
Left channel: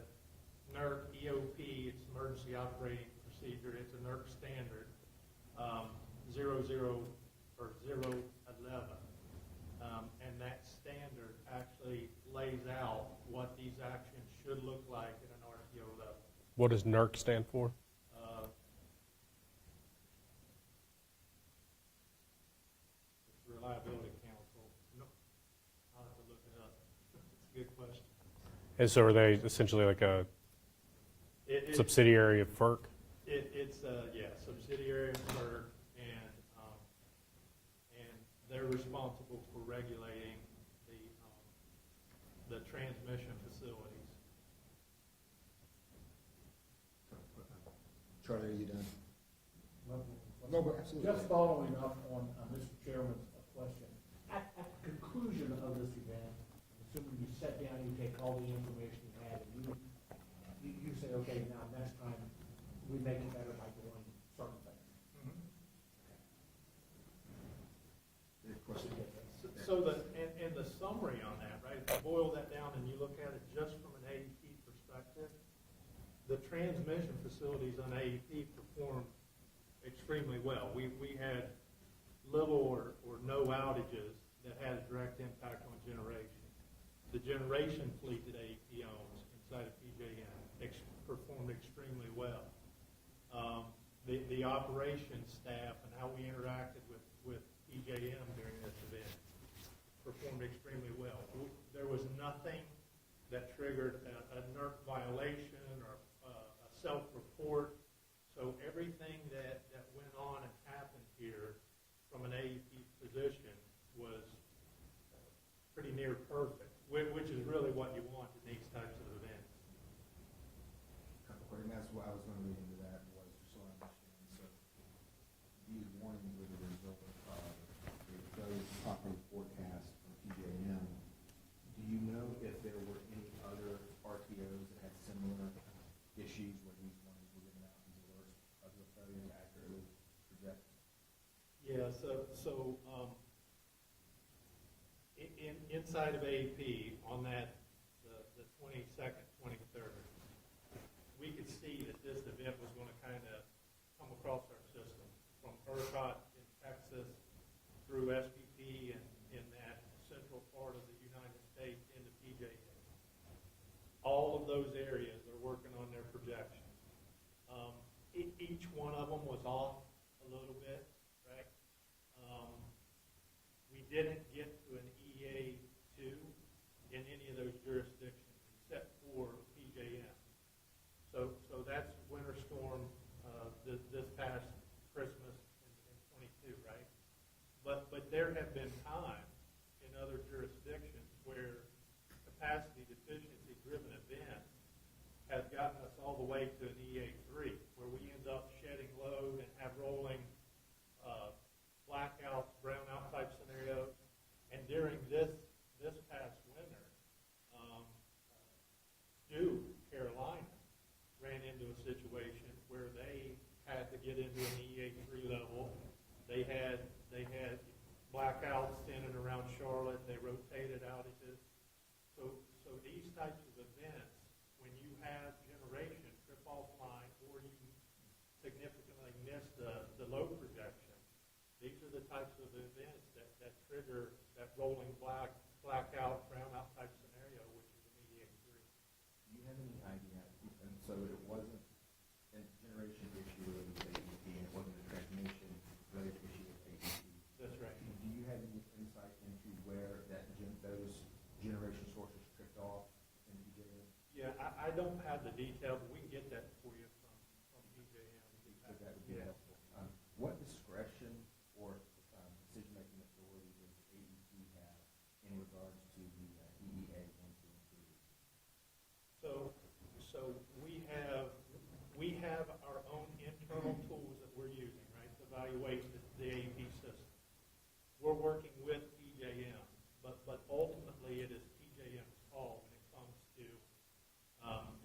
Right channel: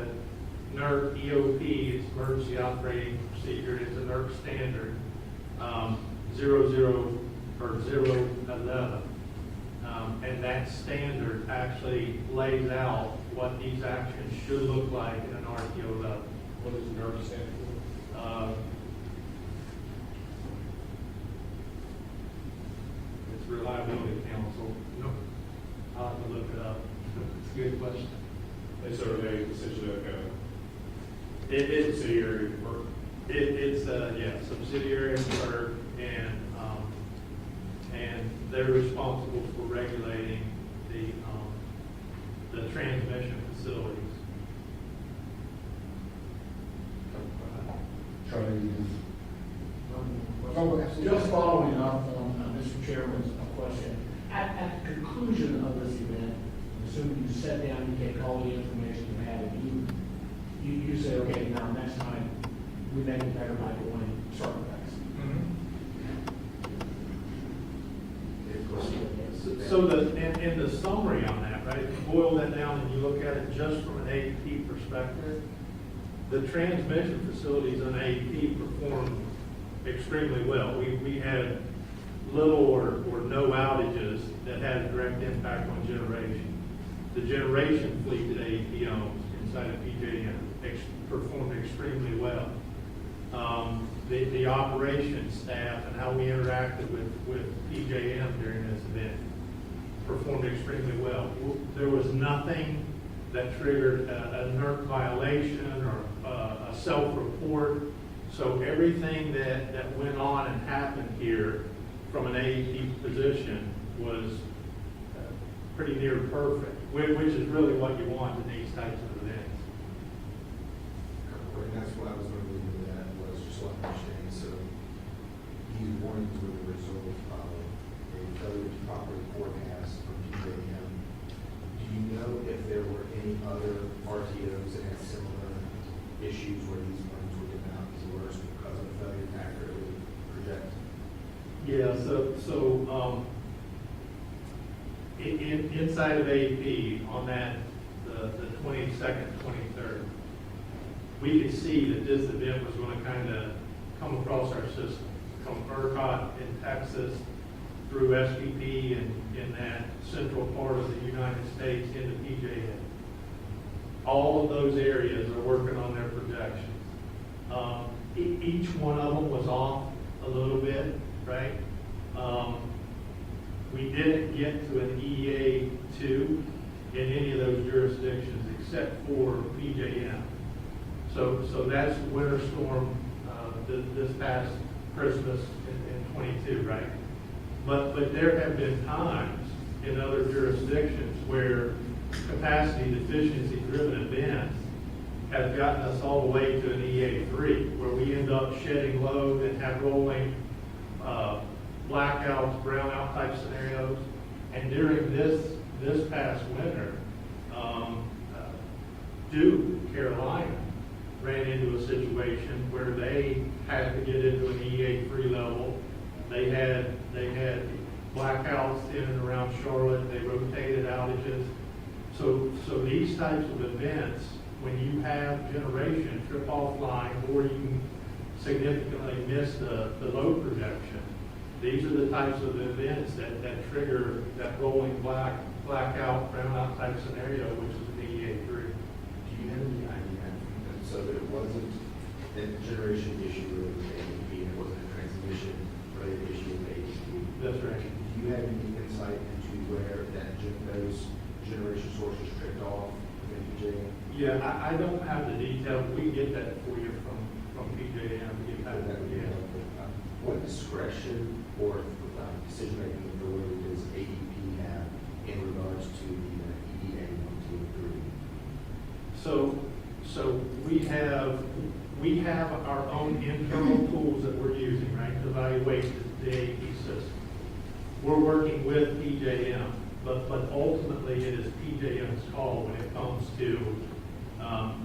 NERC EOP, it's Emergency Operating Procedure, it's a NERC standard, 011. And that standard actually lays out what these actions should look like in an RTO level. What does NERC stand for? It's Reliability Council. No, I'll have to look it up. It's a good question. And so are they essentially like a subsidiary of FERC? It's subsidiary of FERC, and they're responsible for regulating the transmission facilities. Charlie, Just following up on Mr. Chairman's question, at the conclusion of this event, assuming you sat down, you take all the information you had, and you say, okay, now next time, we make it better by doing certain things. So in the summary on that, right, if you boil that down and you look at it just from an AEP perspective, the transmission facilities on AEP performed extremely well. We had little or no outages that had a direct impact on generation. The generation fleet that AEP owns inside of PJM performed extremely well. The operations staff and how we interacted with PJM during this event performed extremely well. There was nothing that triggered a NERC violation or a self-report. So everything that went on and happened here from an AEP position was pretty near perfect, which is really what you want in these types of events. and that's what I was going to leave with that, was just so I understand, so these warnings were the result of a fairly proper forecast from PJM. Do you know if there were any other RTOs that had similar issues where these warnings were given out as worse because of failure to accurately project? Yeah, inside of AEP, on that, the 22nd, 23rd, we could see that this event was going to kind of come across our system, from ERCOT in Texas through SPP and in that central part of the United States into PJM. All of those areas are working on their projections. Each one of them was off a little bit, right? We didn't get to an EA2 in any of those jurisdictions except for PJM. So that's winter storm this past Christmas in 22, right? But there have been times in other jurisdictions where capacity deficiency driven events have gotten us all the way to an EA3, where we end up shedding load and have rolling blackouts, brownout type scenarios. And during this past winter, Duke, Carolina, ran into a situation where they had to get into an EA3 level. They had blackouts in and around Charlotte. They rotated outages. So these types of events, when you have generation trip offline or you significantly miss the load projection, these are the types of events that trigger that rolling blackout, brownout type scenario, which is an EA3. Do you have any idea? And so it wasn't a generation issue with AEP, it wasn't a transmission related issue with AEP. That's right. Do you have any insight into where those generation sources tripped off in PJM? Yeah, I don't have the details. We get that for you from PJM. We get that That would for be you. helpful. What discretion or decision-making authority does AEP have in regards to the EEA 1, 2, and 3? So we have our own internal tools that we're using, right, to evaluate the AEP system. We're working with PJM, but ultimately it is PJM's call when it comes to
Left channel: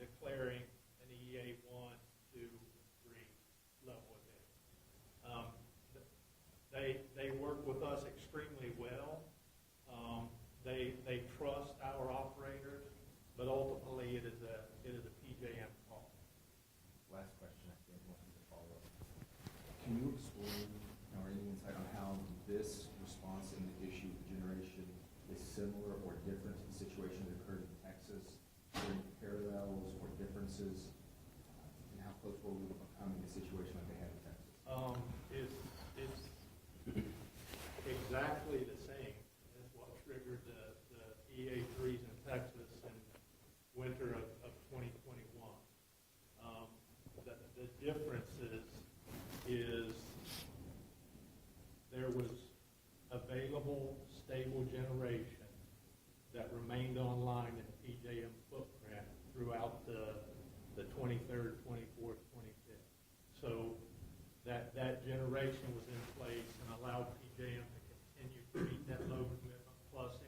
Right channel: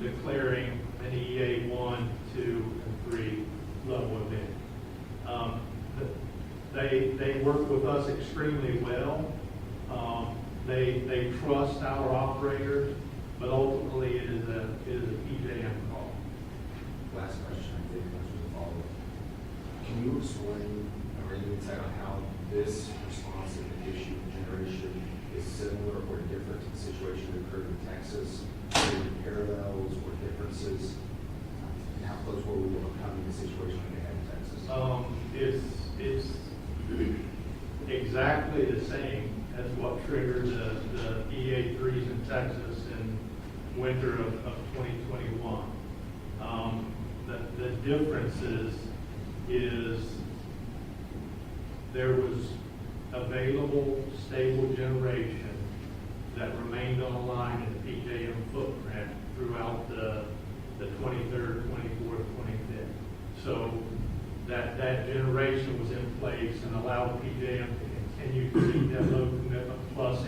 declaring an EA 1, 2, and 3 level event. They work with us extremely well. They trust our operators, but ultimately it is a PJM call. Last question, I think, much of a follow-up. Can you explain or any insight on how this response to the issue of generation is similar or different to the situation that occurred in Texas? Are there parallels or differences? And how close were we to overcoming the situation we had in Texas? It's exactly the same as what triggered the EA3s in Texas in winter of 2021. The difference is there was available stable generation that remained online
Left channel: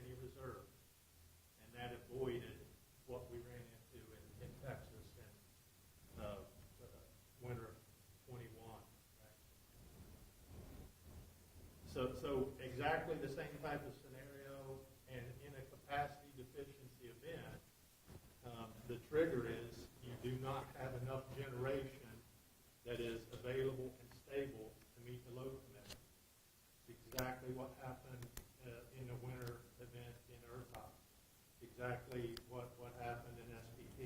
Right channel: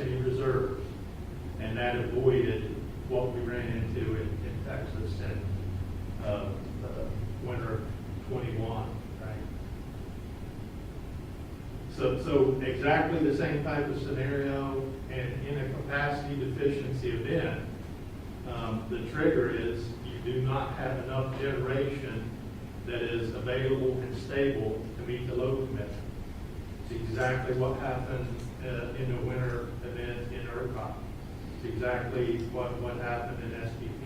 any reserves. And that avoided what we ran into in Texas in winter 21, right? So exactly the same type of scenario, and in a capacity deficiency event, the trigger is you do not have enough generation that is available and stable to meet the load commitment. It's exactly what happened in the winter event in ERCOT. It's exactly what happened in SPP.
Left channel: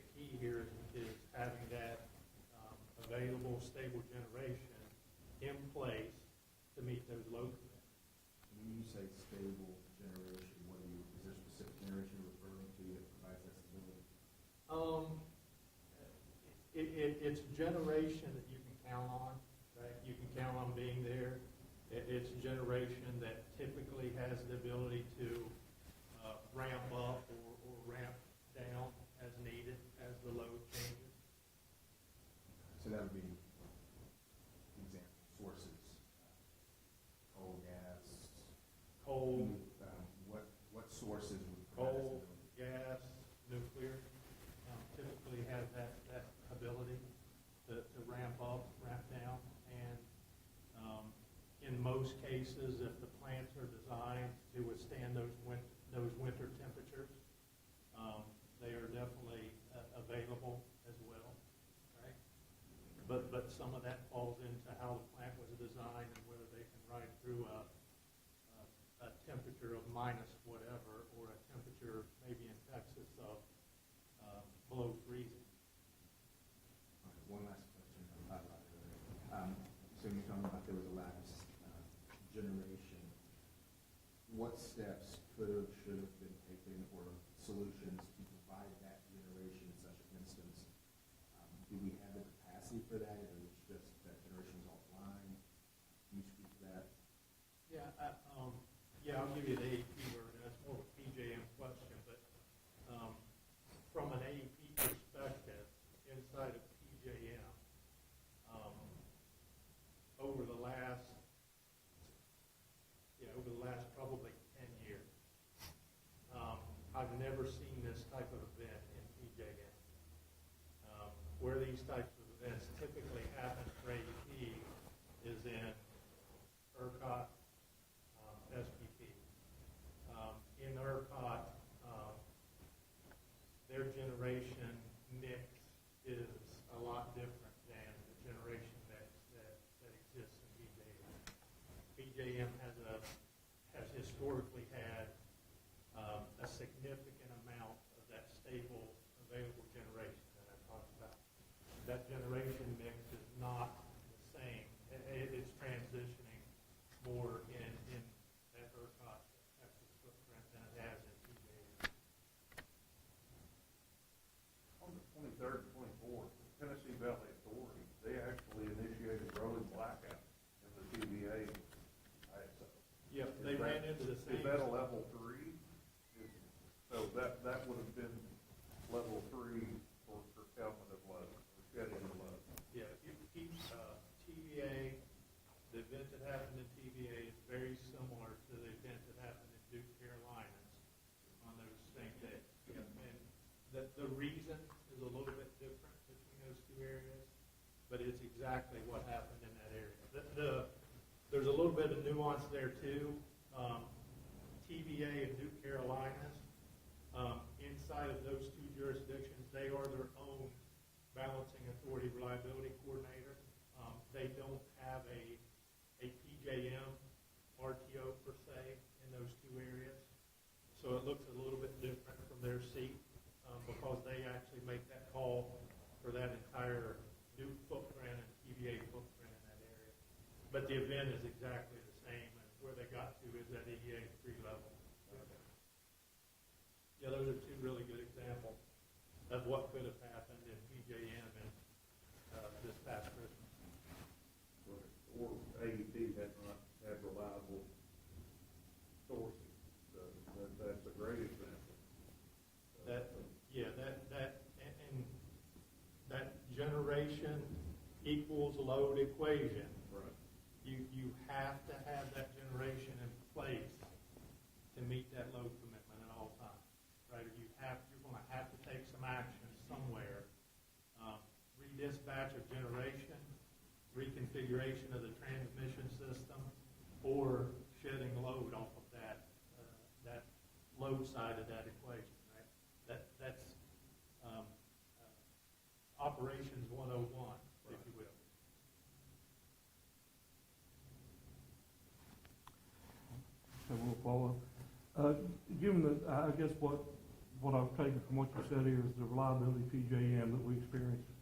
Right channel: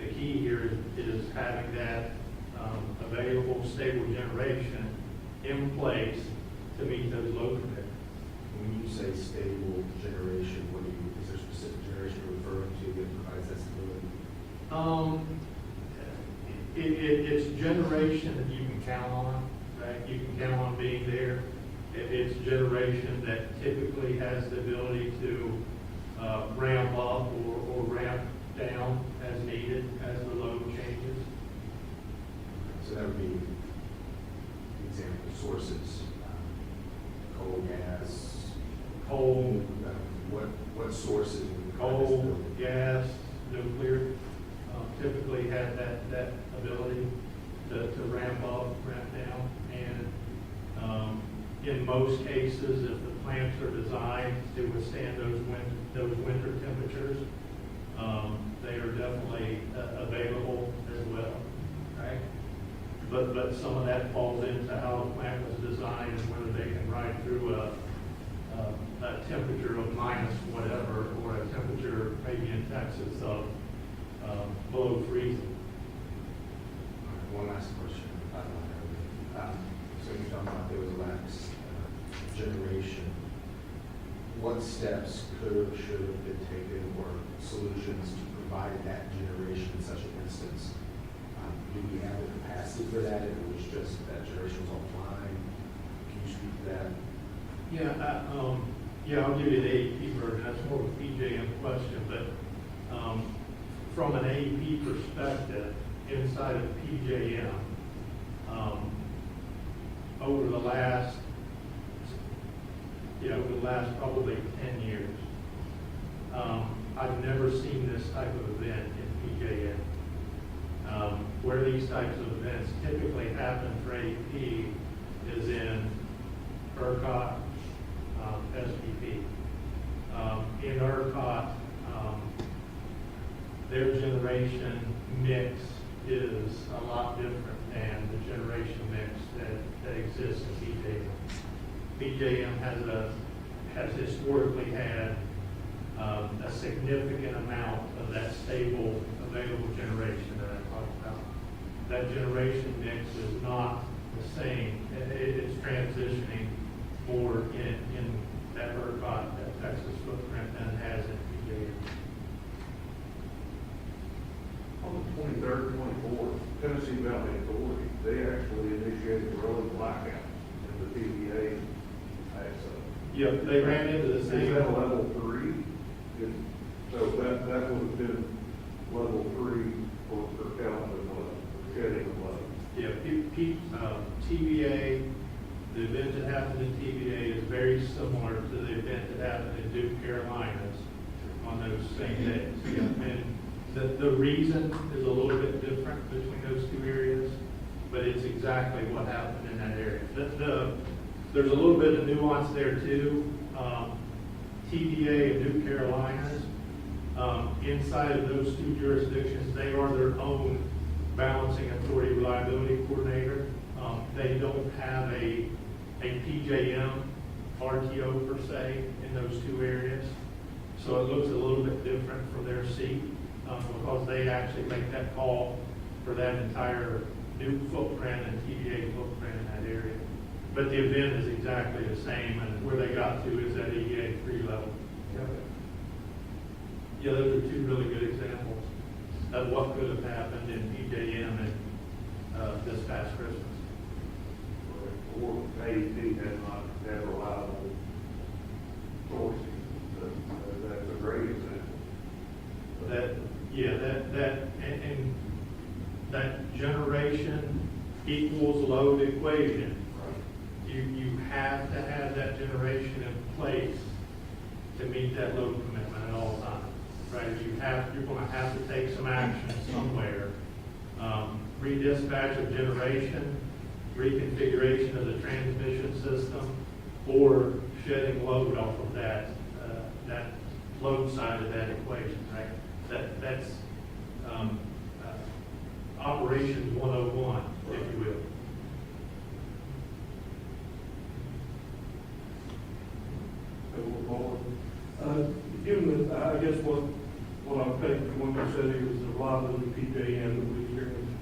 The key here is having that available, stable generation in place to meet those load commitments. When you say stable generation, is there specific generation you're referring to that provides that stability? It's generation that you can count on, right? You can count on being there. It's generation that typically has the ability to ramp up or ramp down as needed as the load changes. So that would be example sources, coal, gas. Coal, What sources? would provide coal, stability? gas, nuclear, typically have that ability to ramp up, ramp down. And in most cases, if the plants are designed to withstand those winter temperatures, they are definitely available as well, right? But some of that falls into how the plant was designed and whether they can ride through a temperature of minus whatever, or a temperature maybe in Texas of below freezing. One last question. So you're talking about there was lax generation. What steps could or should have been taken or solutions to provide that generation in such an instance? Do we have the capacity for that? If it was just that generation was offline? Can you speak to that? Yeah, I'll give you the AEP version. That's more of a PJM question, but from an AEP perspective, inside of PJM, over the last probably 10 years, I've never seen this type of event in PJM. Where these types of events typically happen for AEP is in ERCOT, SPP. In ERCOT, their generation mix is a lot different than the generation mix that exists in PJM. PJM has historically had a significant amount of that stable, available generation that I talked about. That generation mix is not the same. It's transitioning more in that ERCOT, that Texas footprint than it has in PJM. On the 23rd, 24th, Tennessee Valley Authority, they actually initiated a rolling blackout in the TVA. Yeah, they ran into the Is same. that level 3? So that would have been level 3 for calendar flood, for shedding of flood. Yeah, TVA, the event that happened in TVA is very similar to the event that happened in Duke, Carolinas on those same days. And the reason is a little bit different between those two areas, but it's exactly what happened in that area. There's a little bit of nuance there too. TVA and Duke, Carolinas, inside of those two jurisdictions, they are their own balancing authority reliability coordinator. They don't have a PJM RTO per se in those two areas. So it looks a little bit different from their seat because they actually make that call for that entire Duke footprint and TVA footprint in that area. But the event is exactly the same, and where they got to is at EA 3 level. Yeah, those are two really good examples of what could have happened in PJM and this past Christmas. Or AEP had not had reliable sourcing. That's a great example. And that generation equals load equation. You have to have that generation in place meet that load commitment at all times, right? You're gonna have to take some action somewhere. Redispatch of generation, reconfiguration of the transmission system, or shedding load off of that load side of that equation, right? That's operations 101, if you will. Given that, I guess what I'm taking from what you said here is the reliability of PJM that we experienced,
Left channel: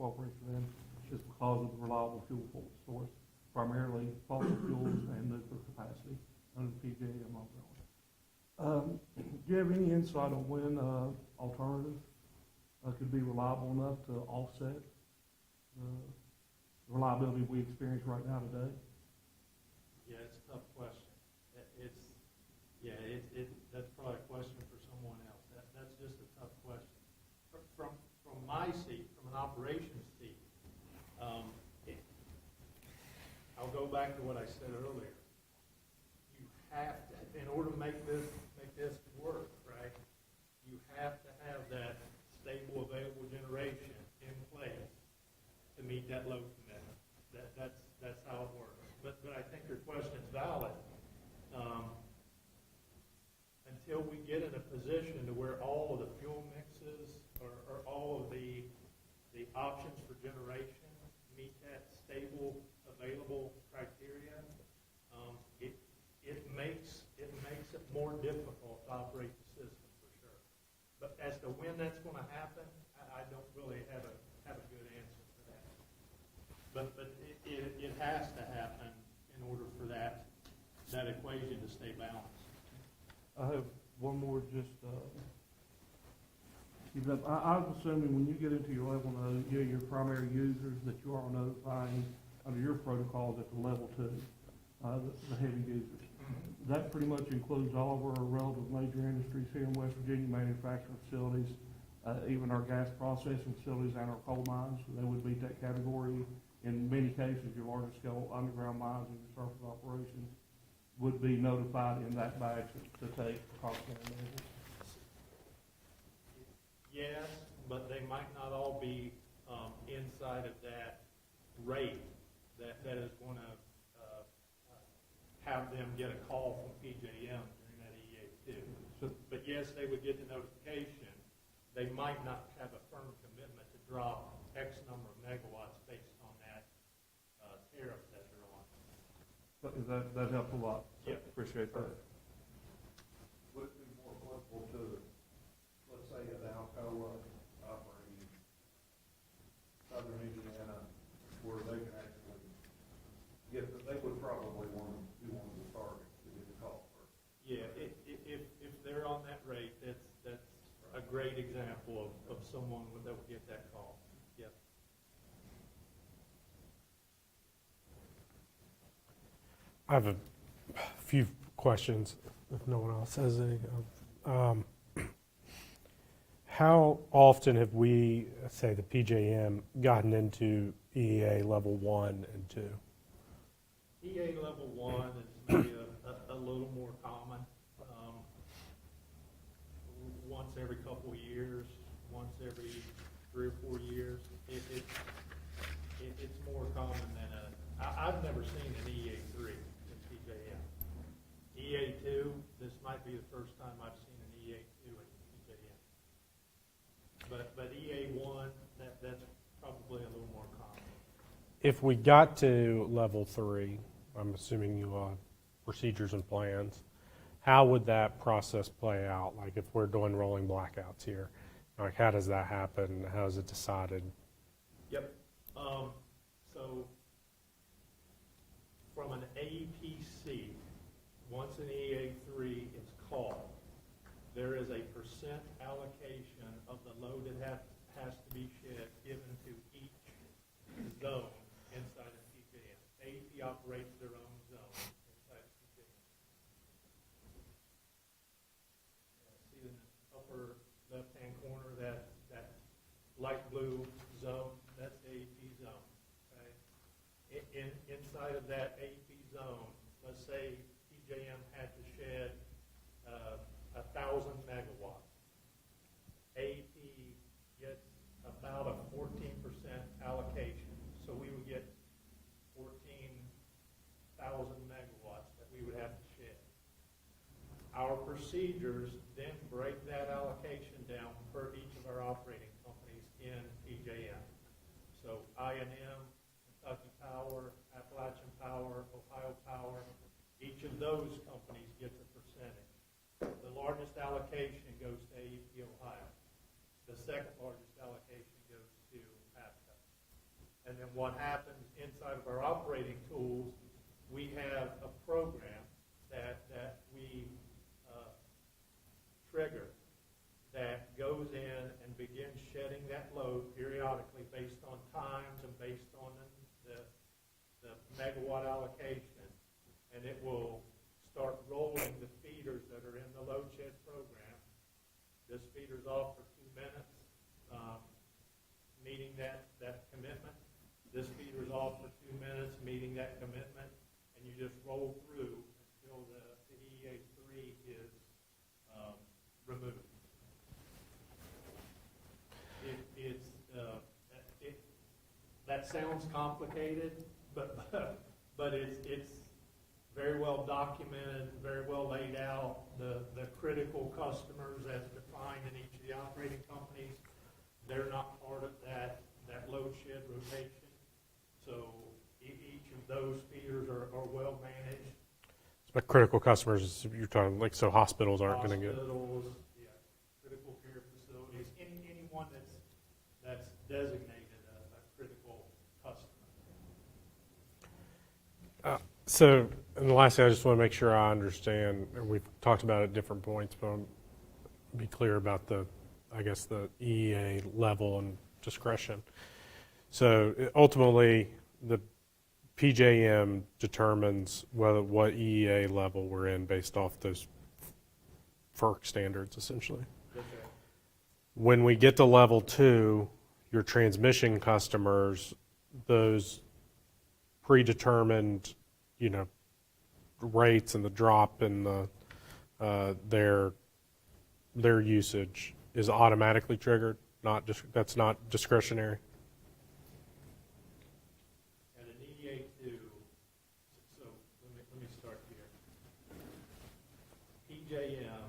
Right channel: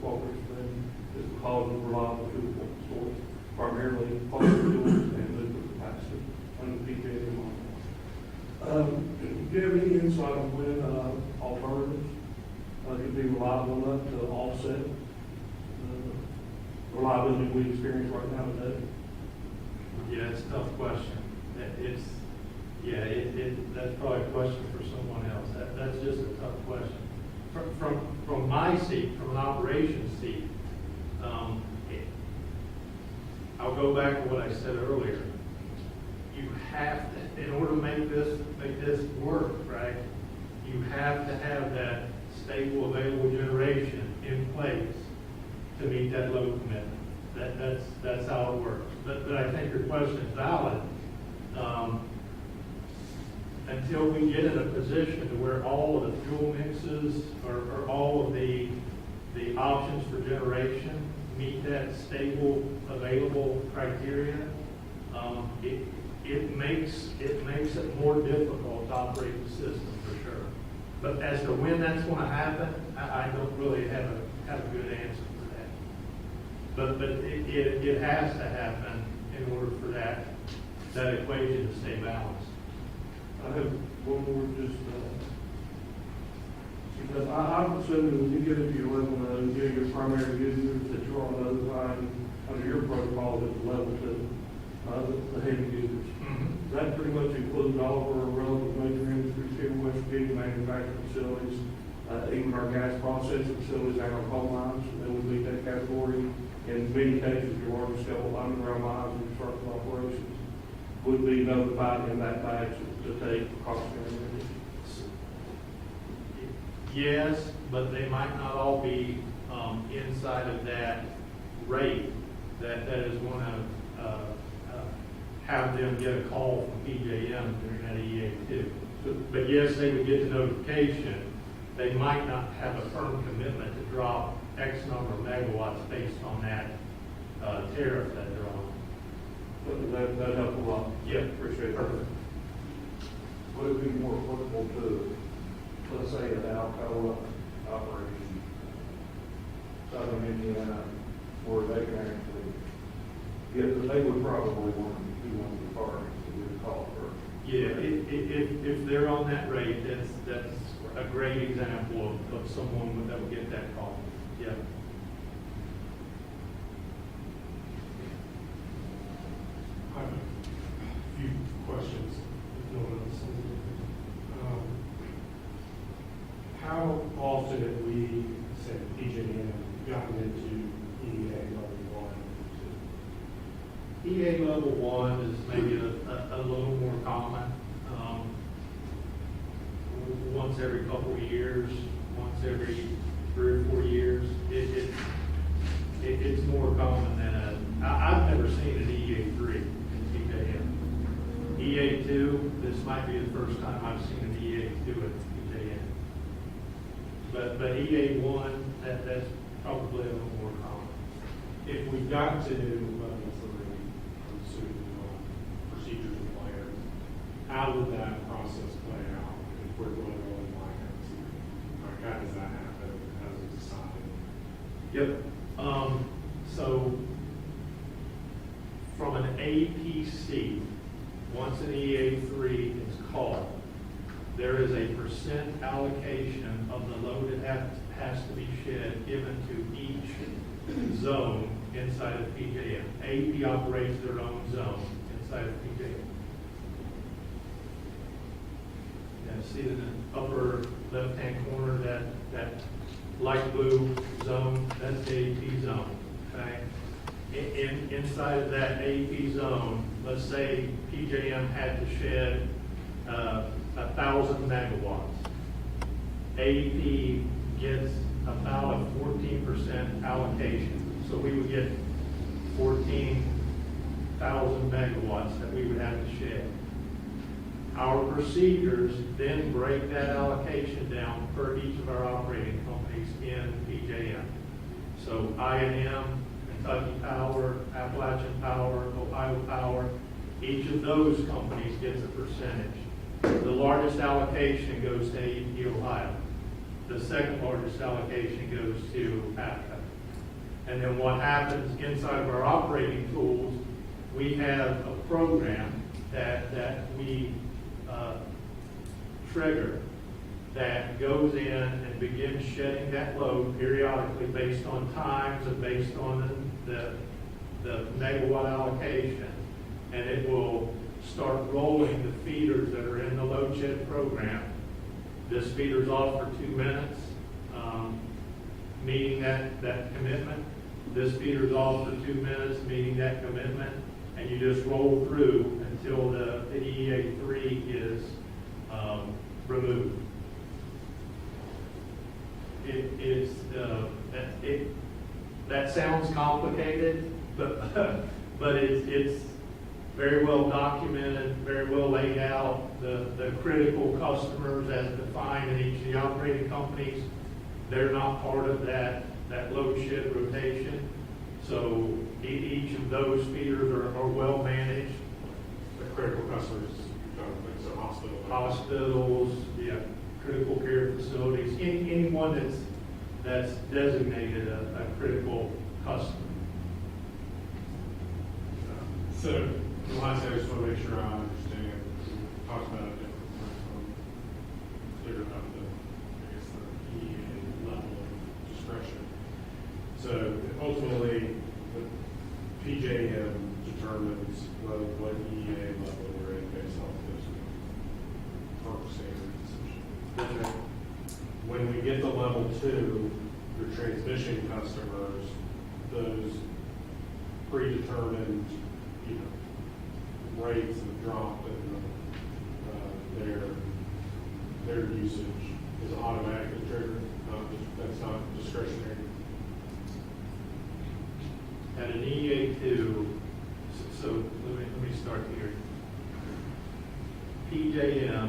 what we're saying, is because of reliable fuel source, primarily fossil fuels and liquid capacity under PJM. Do you have any insight on when alternatives could be reliable enough to offset the reliability we experience right now today? Yeah, it's a tough question. That's probably a question for someone else. That's just a tough question. From my seat, from an operations seat, I'll go back to what I said earlier. You have to, in order to make this work, right, you have to have that stable, available generation in place to meet that load commitment. That's how it works. But I think your question is valid. Until we get in a position to where all of the fuel mixes or all of the options for generation meet that stable, available criteria, it makes it more difficult to operate the system for sure. But as to when that's going to happen, I don't really have a good answer for that. But it has to happen in order for that equation to stay balanced. I have one more because I'm assuming when you get into your level, you get your primary users that you're on notifying under your protocol at the level to the heavy users. That pretty much includes all of our relevant major industries here in West Virginia, manufacturing facilities, even our gas processing facilities and our coal mines, and then we meet that category. In many cases, your large scale underground mines and construction operations would be notified in that fashion to take precautionary measures. Yes, but they might not all be inside of that rate that is going to have them get a call from PJM during that EA2. But yes, they would get the notification. They might not have a firm commitment to drop X number of megawatts based on that tariff that they're on. But that helps a lot. Yeah, Appreciate it. perfect. Would it be more applicable to, let's say, an Alcoa operation, Southern Indiana, where they can actually get, they would probably want to be one of the parties that would call for. Yeah, if they're on that rate, that's a great example of someone that would get that call. Yeah. I have a few questions, if no one else has anything. How often have we, let's say the PJM, gotten into EEA level 1 and 2? EA level 1 is maybe a little more common. Once every couple of years, once every 3 or 4 years, it's more common than I've never seen an EA3 in PJM. EA2, this might be the first time I've seen an EA2 at PJM. But EA1, that's probably a little more common. If we got to level 3, I'm assuming procedures and plans, how would that process play out? Like if we're doing rolling blackouts here, like how does that happen? How is it decided? Yep. So from an APC, once an EA3 is called, there is a percent allocation of the load that has to be shed given to each zone inside of PJM. AP operates their own zone inside of PJM. See in the upper left-hand corner, that light blue zone, that's the AP zone, okay? Inside of that AP zone, let's say PJM had to shed 1,000 megawatts. AEP gets about a 14% allocation, so we would get 14,000 megawatts that we would have to share. Our procedures then break that allocation down per each of our operating companies in PJM. So I&M, Kentucky Power, Appalachian Power, Ohio Power, each of those companies gets a percentage. The largest allocation goes to AEP Ohio. The second largest allocation goes to APCO. And then what happens inside of our operating tools, we have a program that we trigger that goes in and begins shedding that load periodically based on times and based on the megawatt allocation. And it will start rolling the feeders that are in the load shed program. This feeder's off for 2 minutes, meeting that commitment. This feeder's off for 2 minutes, meeting that commitment. And you just roll through until the EEA3 is removed. That sounds complicated, but it's very well documented, very well laid out. The critical customers as defined in each of the operating companies, they're not part of that load shed rotation. So each of those feeders are well managed. Like critical customers, you're talking, like, so hospitals aren't going to get. Hospitals, yeah, critical care facilities, anyone that's designated a critical customer. So, and the last thing, I just want to make sure I understand, and we've talked about it at different points, but be clear about the EEA level and discretion. So ultimately, the PJM determines what EEA level we're in based off those FERC standards, essentially. When we get to level 2, your transmission customers, those predetermined, rates and the drop in their usage is automatically triggered. That's not discretionary. At an EA2, so let me start here. PJM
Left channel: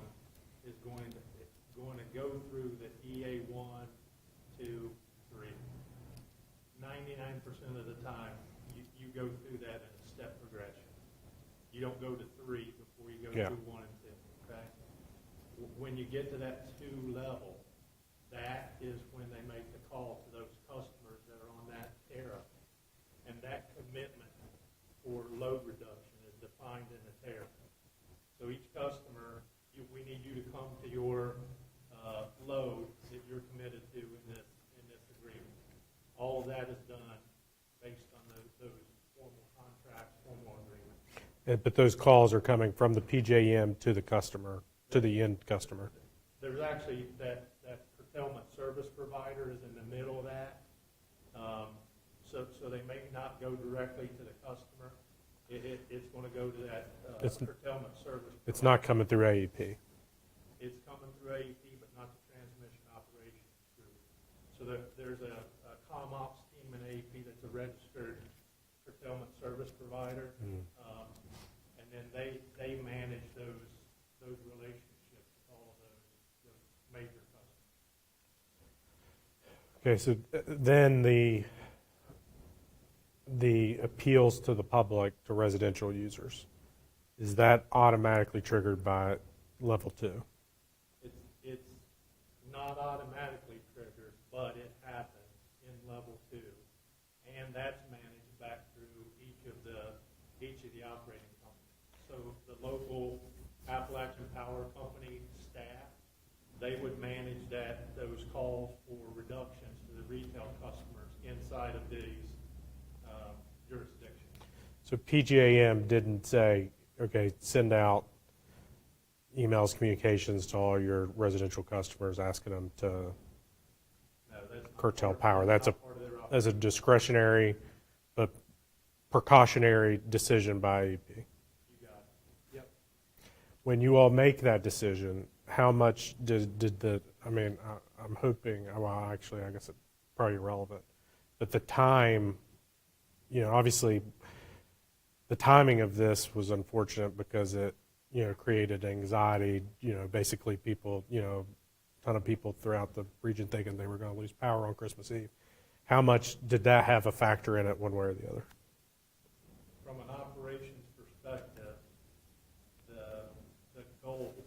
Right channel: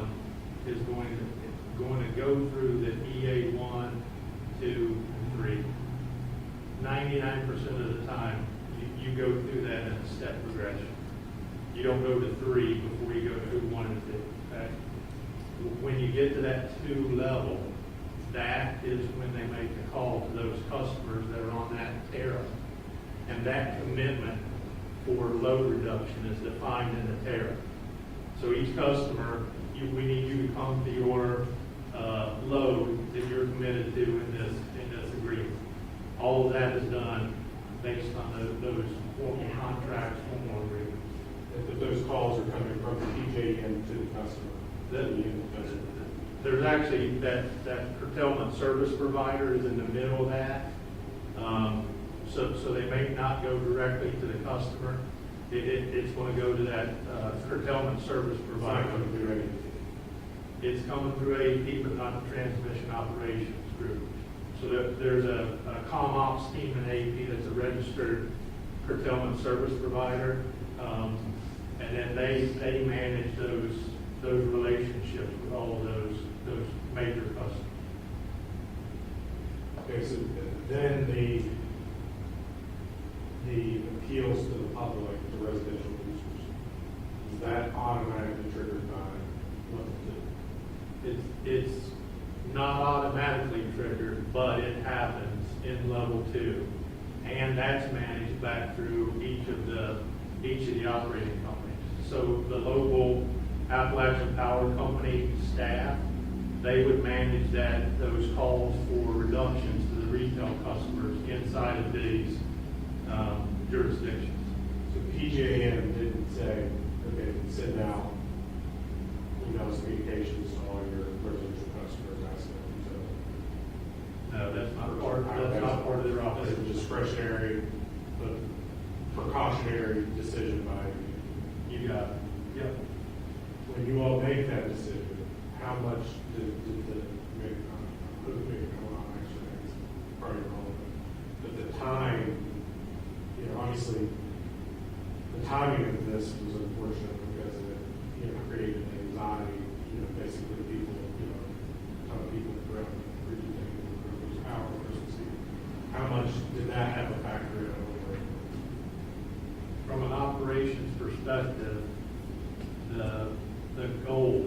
is going to go through the EA1, 2, 3. 99% of the time, you go through that in a step progression. You don't go to 3 before you go through 1 and 2. Okay? When you get to that 2 level, that is when they make the call to those customers that are on that tariff. And that commitment for load reduction is defined in the tariff. So each customer, we need you to come to your load that you're committed to in this agreement. All of that is done based on those formal contracts, formal agreements. But those calls are coming from the PJM to the customer, to the end customer. There's actually that curtailment service provider is in the middle of that. So they may not go directly to the customer. It's going to go to that curtailment service provider. It's not coming through AEP. It's coming through AEP, but not the transmission operations group. So there's a comm ops team in AEP that's a registered curtailment service provider. And then they manage those relationships with all of those major customers. Okay, so then the appeals to the public, the residential users, is that automatically triggered by level 2? It's not automatically triggered, but it happens in level 2. And that's managed back through each of the operating companies. So the local Appalachian Power Company staff, they would manage those calls for reductions to the retail customers inside of these jurisdictions. So PJM didn't say, okay, send out emails, communications to all your residential customers asking them to No, that's not curtail part, power. that's not part of their That's a operation. discretionary, a precautionary decision by, You got it. Yep. when you all make that decision, how much did the, I mean, I'm hoping, well, actually, I guess it's probably irrelevant, but the time, you know, obviously, the timing of this was unfortunate because it, you know, created anxiety, you know, basically people, you know, a ton of people throughout the region thinking they were going to lose power on Christmas Eve. How much did that have a factor in it one way or the other? From an operations perspective, the goal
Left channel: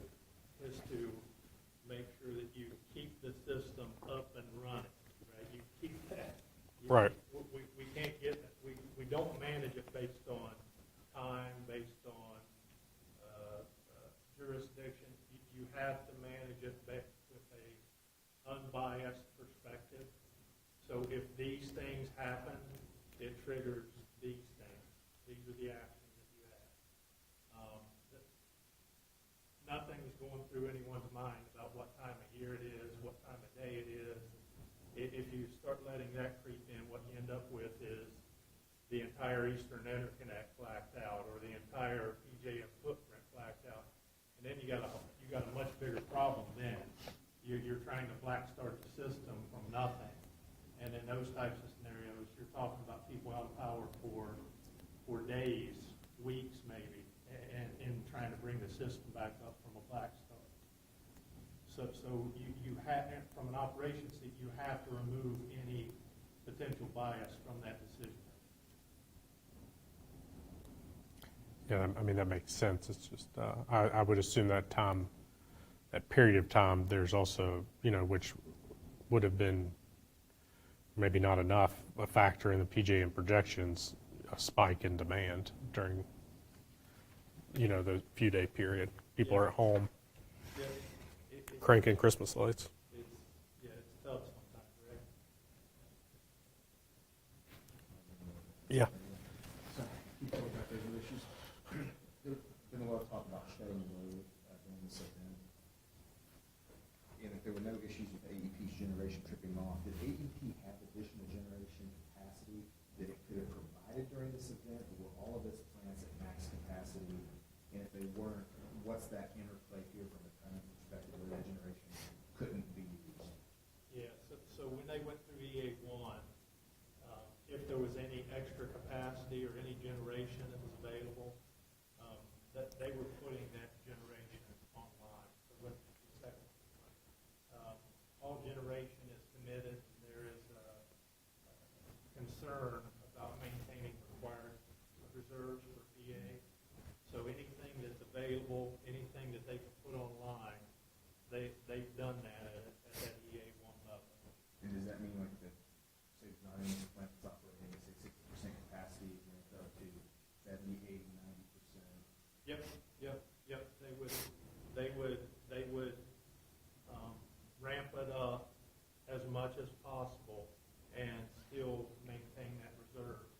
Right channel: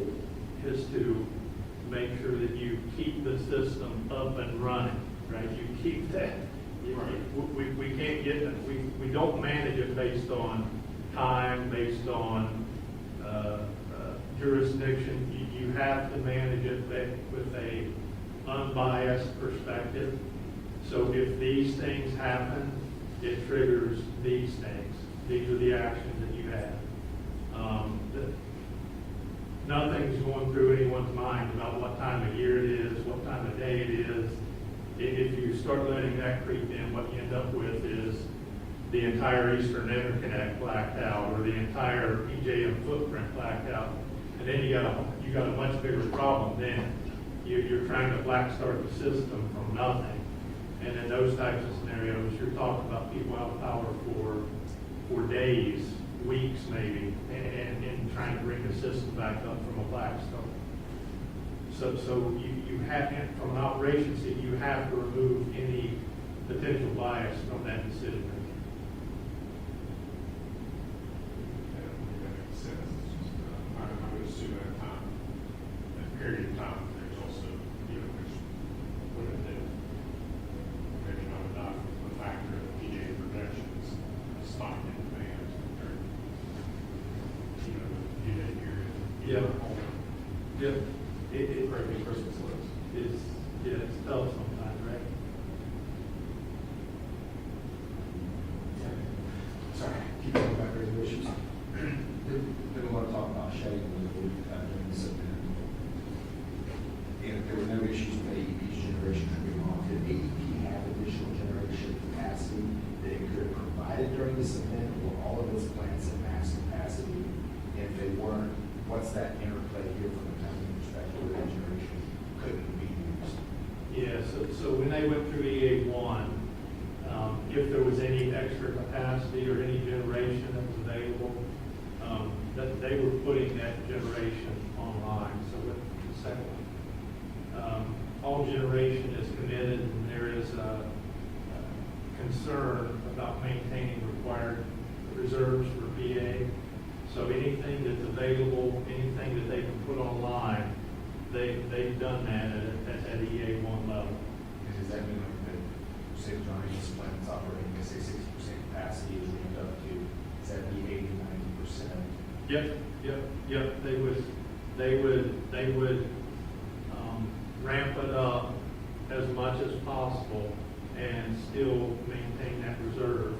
is to make sure that you keep the system up and running, right? You keep that. Right. We can't get, we don't manage it based on time, based on jurisdiction. You have to manage it with a unbiased perspective. So if these things happen, it triggers these things. These are the actions that you have. Nothing's going through anyone's mind about what time of year it is, what time of day it is. If you start letting that creep in, what you end up with is the entire Eastern Interconnect blacked out, or the entire PJM footprint blacked out. And then you got a much bigger problem then. You're trying to black start the system from nothing. And in those types of scenarios, you're talking about people out of power for days, weeks maybe, and trying to bring the system back up from a black start. So you have, from an operations side, you have to remove any potential bias from that decision making. Yeah, I mean, that makes sense. It's just, I would assume that time, that period of time, there's also, you know, which would have been maybe not enough, a factor in the PJM projections, a spike in demand during, you know, the few day period. People are at home Yeah. cranking Christmas lights. It's tough sometimes, right? Yeah. Sorry, keep going back to resolutions. Didn't want to talk about shedding during this event. And if there were no issues with AEP's generation coming off, did AEP have additional generation capacity that it could have provided during this event, or all of its plants at max capacity? And if they weren't, what's that interplay here from a timing perspective where that generation couldn't be used? Yeah, so when they went through EA1, if there was any extra capacity or any generation that was available, that they were putting that generation online. So with the second one, all generation is committed, and there is a concern about maintaining required reserves for PA. So anything that's available, anything that they can put online, they've done that at EA1 level. And does that mean like that, say, Johnny's plant's operating at say 60% capacity is ramped up to 70, 80, 90%? Yep, they would ramp it up as much as possible and still maintain that reserve,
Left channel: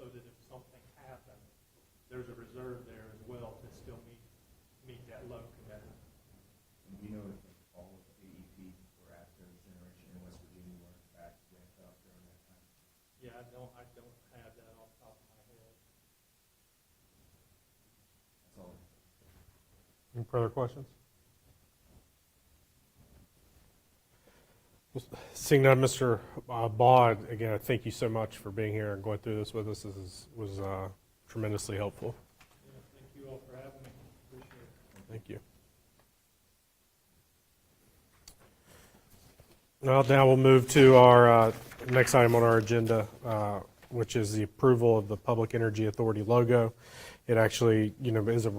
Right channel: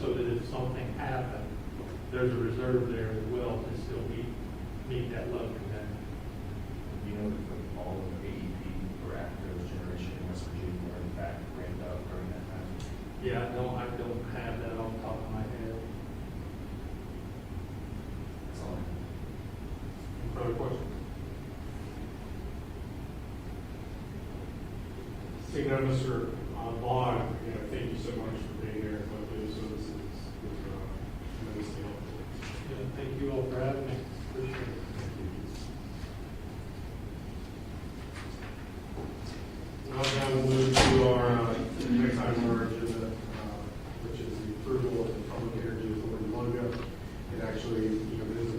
so that if something happened, there's a reserve there as well to still meet that load commitment. You know, that all of the AEP or Actros generation in West Virginia were in fact ramped up during that time? Yeah, I don't have that off the top of my head. That's all I have. Any further questions? Seeing none, Mr. Bond, again, thank you so much for being here and going through this with us. It was tremendously helpful. Yeah, thank you all for having me. Appreciate it. Well, now we'll move to our next item on our agenda, which is the approval of the Public Energy Authority logo. It actually, you know, was a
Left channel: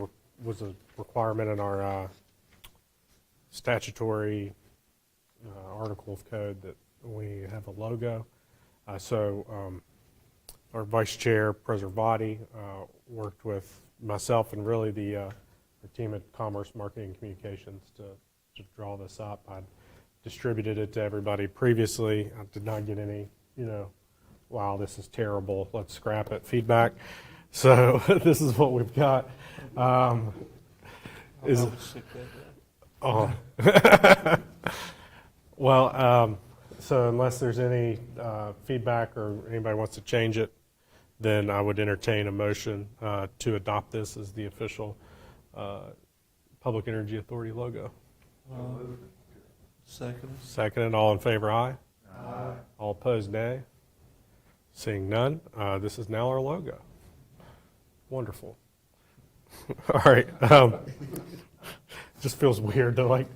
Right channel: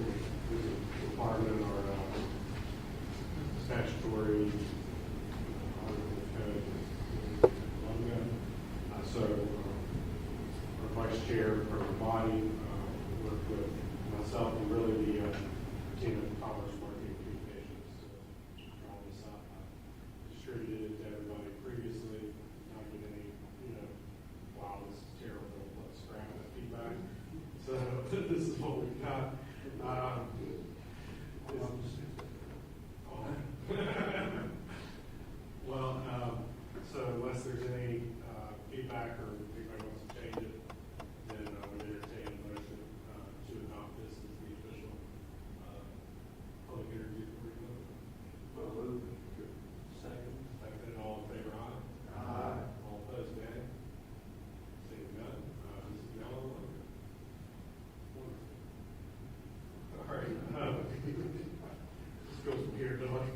requirement in our statutory article of code that we need to have a logo. So our Vice Chair, President Body, worked with myself and really the team at Commerce Marketing and Communications to draw this up. I distributed it to everybody previously. I did not get any, you know, wow, this is terrible, let's scrap it feedback. So this is what we've got. So unless there's any feedback or anybody wants to change it, then I would entertain a motion to adopt this as the official Public Energy Authority logo? Second. Second, all in favor, aye. All opposed, nay. Seeing none, this is now our logo. Wonderful. All right. Just feels weird to like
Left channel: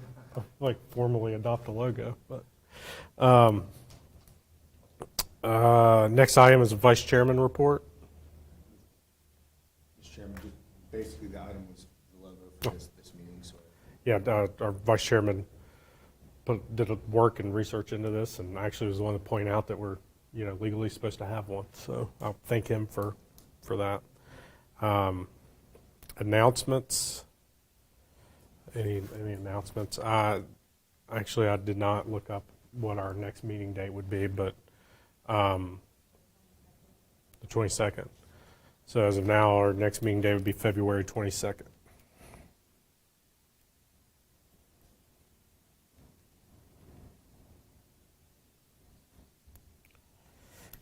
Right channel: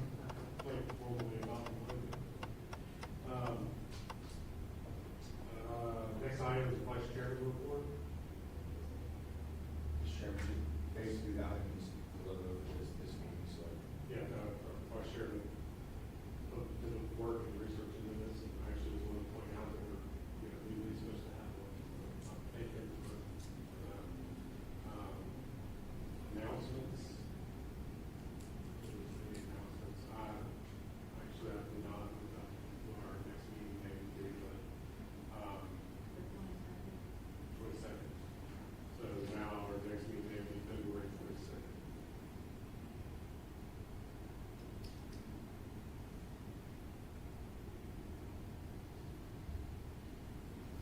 formally adopt the logo. But, next item is a vice chairman report. Mr. Chairman, basically the item is logo for this meeting, so. Yeah, our vice chairman did work and research into this, and actually was the one to point out that we're, legally supposed to have one. So I'll thank him for that. Announcements. Any announcements? Actually, I did not look up what our next meeting date would be, but the 22nd. So as of now, our next meeting day would be February 22nd.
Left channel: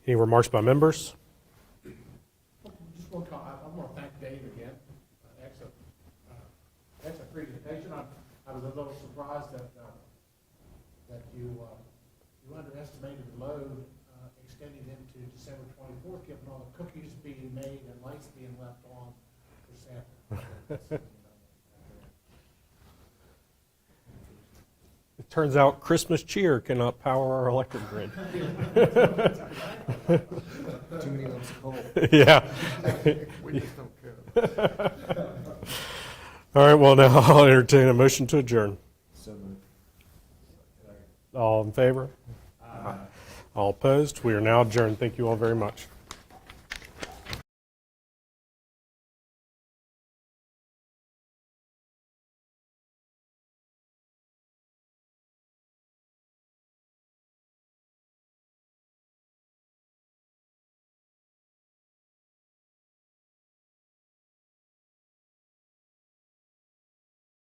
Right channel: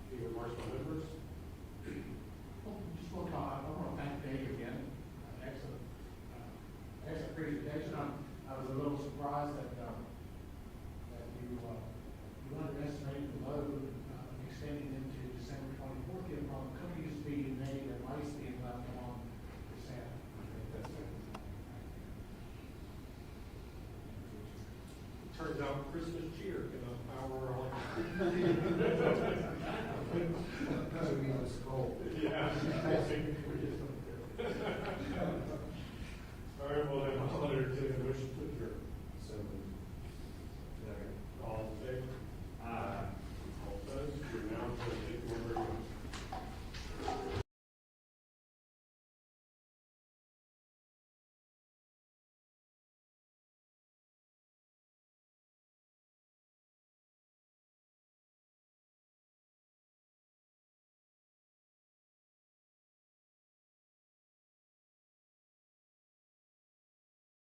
Any remarks by members? Just one comment, I want to thank Dave again. Excellent presentation. I was a little surprised that you underestimated the load extending into December 24th, given all the cookies being made and lights being left on for Santa. It turns out Christmas cheer cannot power our electric grid. Yeah. All right, well, now I'll entertain a motion to adjourn. All in favor? All opposed? We are now adjourned. Thank you all very much.